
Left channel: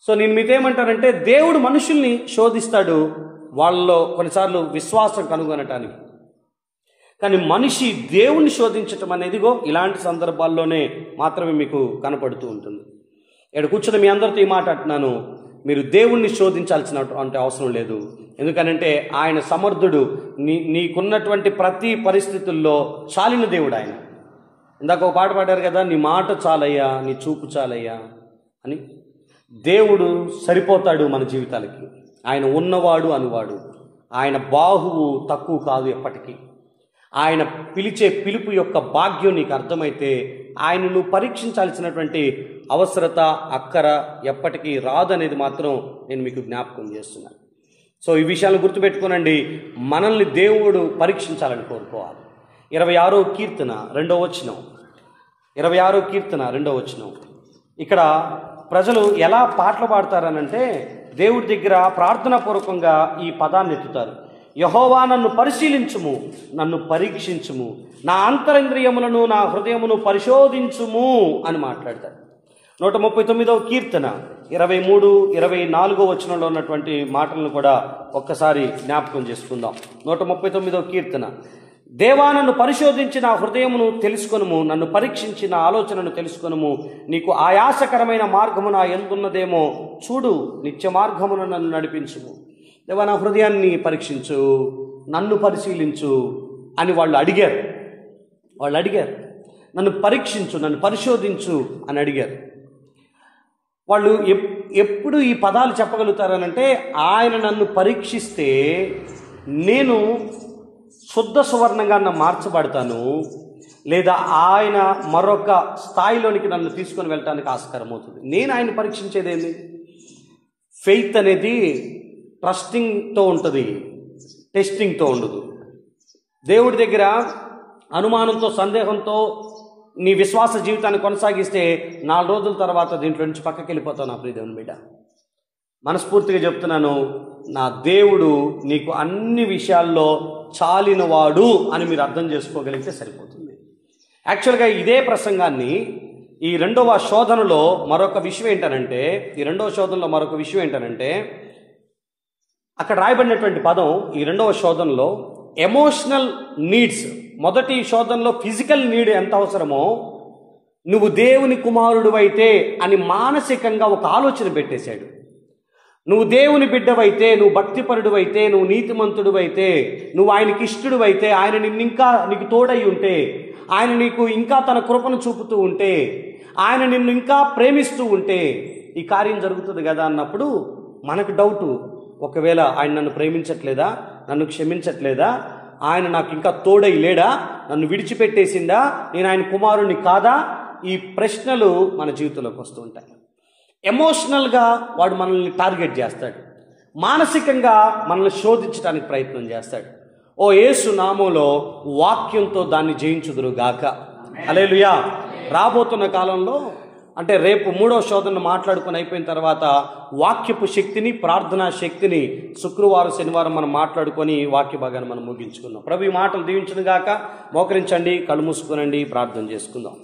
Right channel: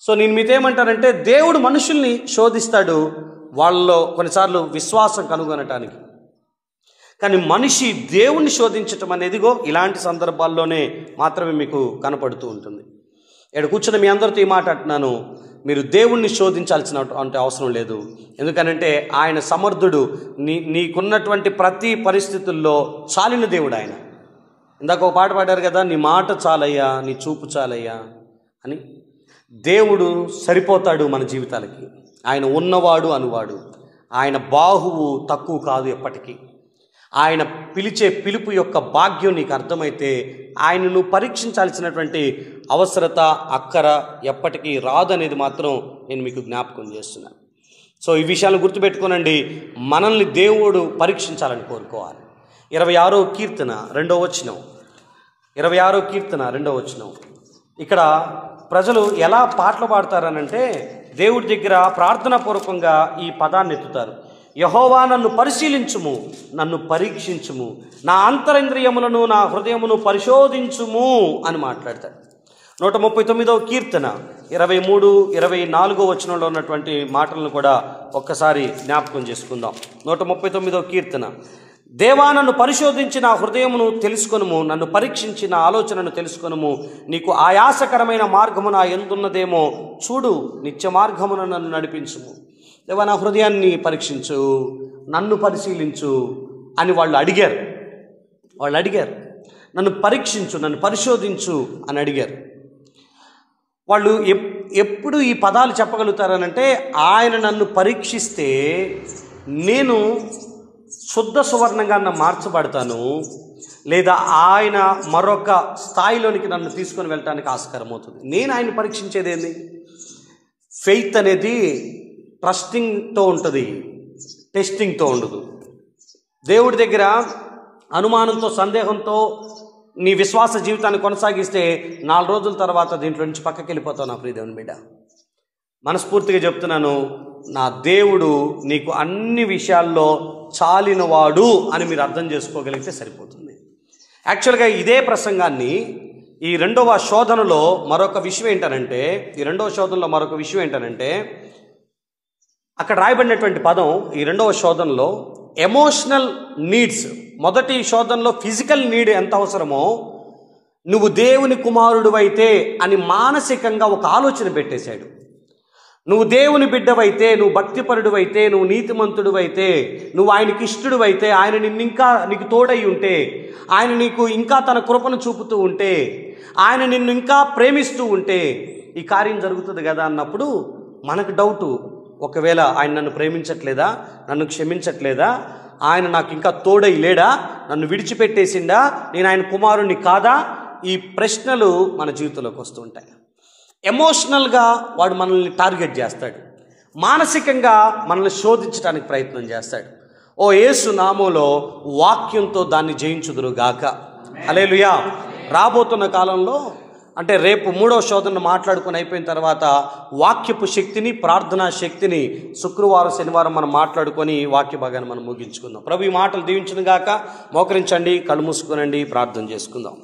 సో నేను మీతో ఏమంటానంటే, దేవుడు మనుషుల్ని శోధిస్తాడు వాళ్ళలో కొన్నిసార్లు విశ్వాసం కనుగొనటానికి. కానీ మనిషి దేవుణ్ణి శోధించటం అనేదిగో ఇలాంటి సందర్భాల్లోనే మాత్రమే మీకు కనపడుతూ ఉంటుంది. ఇక్కడ కూర్చొని మీ అందరితో ఈ మాట అంటున్నాను, మీరు దేవుణ్ణి శోధించాల్సినటువంటి అవసరం లేదు. ఎందుకనంటే ఆయన సమర్థుడు. నీకున్నటువంటి ప్రతి పరిస్థితుల్లో చాలిన దేవుడు ఆయన. ఇందాక ఒక పాట పాడారు కదా, నీ మాట చాలయ్యా, నీ చూపు చాలయ్యా అని. దేవుడు సరిపోతాడు మన జీవితాలకి. ఆయన ఉన్నవాడు అనువాడు. ఆయన బాహువు తక్కువ కాదు ఎప్పటికీ. ఆయన పిలిచే పిలుపు యొక్క భాగ్యం నీకు అర్థమైతే ఆయనను పరీక్షించాల్సినటువంటి అవసరత అక్కర ఎప్పటికీ రాదనేది మాత్రం నేను మీకు జ్ఞాపకం చేస్తున్నాను. సో ఈ విషయాలను గుర్తుపెట్టుకోనండి. మనల్ని దేవుడు పరీక్షించాలని కోరుకోవాలి. 26వ కీర్తన 2వ వచనం, 26వ కీర్తన 2వ వచనం. ఇక్కడ ప్రజలు ఎలా పాటలు పాడతారనంటే, దేవుడి దగ్గర ప్రార్థనాపూర్వకంగా ఈ పదాన్ని ఎత్తుతారు. యెహోవా నన్ను పరిశీలించుము, నన్ను పరీక్షించుము, నా అంతరింద్రియములను నా హృదయమును పరిశోధించుము అని మాట్లాడతారు. 139వ కీర్తన 23, 24 వచనంలో ఉన్నటువంటి మాటలను కూడా ఒక్కసారి జ్ఞాపకం చేసుకుందాం. 139వ కీర్తన, దేవా నన్ను పరిశోధించి నా హృదయమును తెలుసుకొనుము, నన్ను పరీక్షించి నా ఆలోచనను తెలుసుకొనుము, నీకు ఆయాసకరమైన మార్గము నా యందున్నదేమో చూడు, నిత్య మార్గమును నన్ను నడిపించుము. దేవా నా హృదయాన్ని పరీక్షించు, నన్ను పరిశీలించు అని వాళ్ళు అడిగారు. నన్ను పరీక్షించు, నన్ను పరిశోధించు అని అడిగారు. వాళ్ళు ఎప్పుడు ఈ పదాలు చెప్పగలుగుతారనంటే, ఆయన నన్ను పరీక్షిస్తే నేను శుద్ధ సువర్ణంగా మార్చబడతాను, లేదా ఆయన మరొక స్థాయిలోనికి నన్ను తీసుకొని వెళ్ళటానికి ఆస్కారం అవుతుంది. నేను ఆయన పరీక్షించేది ఏంది? ఫెయిత్ అనేది ట్రస్టింగ్తో ఉంటుంది, టెస్టింగ్తో ఉండదు. దేవుడి దగ్గర అనుమానంతో, సందేహంతో నీ విశ్వాస జీవితాన్ని కొనసాగిస్తే 4 రోజుల తర్వాత దీంట్లో నుంచి పక్కకి వెళ్ళిపోతావు నా ప్రియ దేవుని బిడ్డ. మనస్ఫూర్తిగా చెప్తున్నాను, నా దేవుడు నీకు అన్ని విషయాల్లో చాలినవాడు అని మీరు అర్థం చేసుకోగలిగితే సరిపోతుంది. యాక్చువల్గా ఇదే ప్రసంగాన్ని ఈ రెండవ శోధనలో మరొక విషయం ఏంటనంటే, అక్కడ రాయబడినటువంటి పదం ఈ రెండవ శోధనలో ఎమోషనల్ నీడ్స్. మొదటి శోధనలో ఫిజికల్ నీడ్ ఎంత అవసరమో, నువ్వు దేవుని కుమారుడు అయితే అని మానసికంగా ఒక ఆలోచన పెట్టేశాడు. నువ్వు దేవుని బిడ్డవైతే, నువ్వు భక్తిపరుడువైతే, నువ్వు నీతిమంతుడువైతే, నువ్వు ఆయనకి ఇష్టడువైతే, ఆయన నీకు తోడై ఉంటే, ఆయన నీకు ఇంకా తన కృపను చూపుతూ ఉంటే, ఆయన నిన్ను ఇంకా ప్రేమిస్తూ ఉంటే ఈ కార్యం జరుగుతుంది కదా అన్నప్పుడు మనకు డౌటు, ఒకవేళ ఆయన నన్ను ప్రేమించట్లేదా, నన్ను క్షమించట్లేదా, ఆయన నాకు ఇంకా తోడై లేడా, నన్ను విడిచిపెట్టేసిండా, నేను ఆయన కుమారుణ్ణి కాదా? ఈ ప్రశ్నలు మన జీవితంలోకి వస్తూ ఉంటాయి. ఎమోషనల్గా వాడు మనల్ని టార్గెట్ చేస్తాడు, మానసికంగా మనల్ని శోధించడానికి ప్రయత్నం చేస్తాడు. ఓ యేసు నామములో వాక్యంతో దాన్ని జయించుదురుగాక. హల్లెలూయా. రాబోతున్న కాలంలో, అంటే రేపు 3వ శోధనను మాట్లాడుకుని అయిపోయిన తర్వాత వాక్యపు శక్తిని, ప్రార్థనా శక్తిని శుక్రవారం, శనివారం మనం మాట్లాడుకొని వాక్య భాగాన్ని మనం ముగించుకుందాం. ప్రభు ఈ మాటలు దీవించును గాక. మోకరించండి, కళ్ళు మూసుకునండి, ప్రార్థన చేసుకుందాం.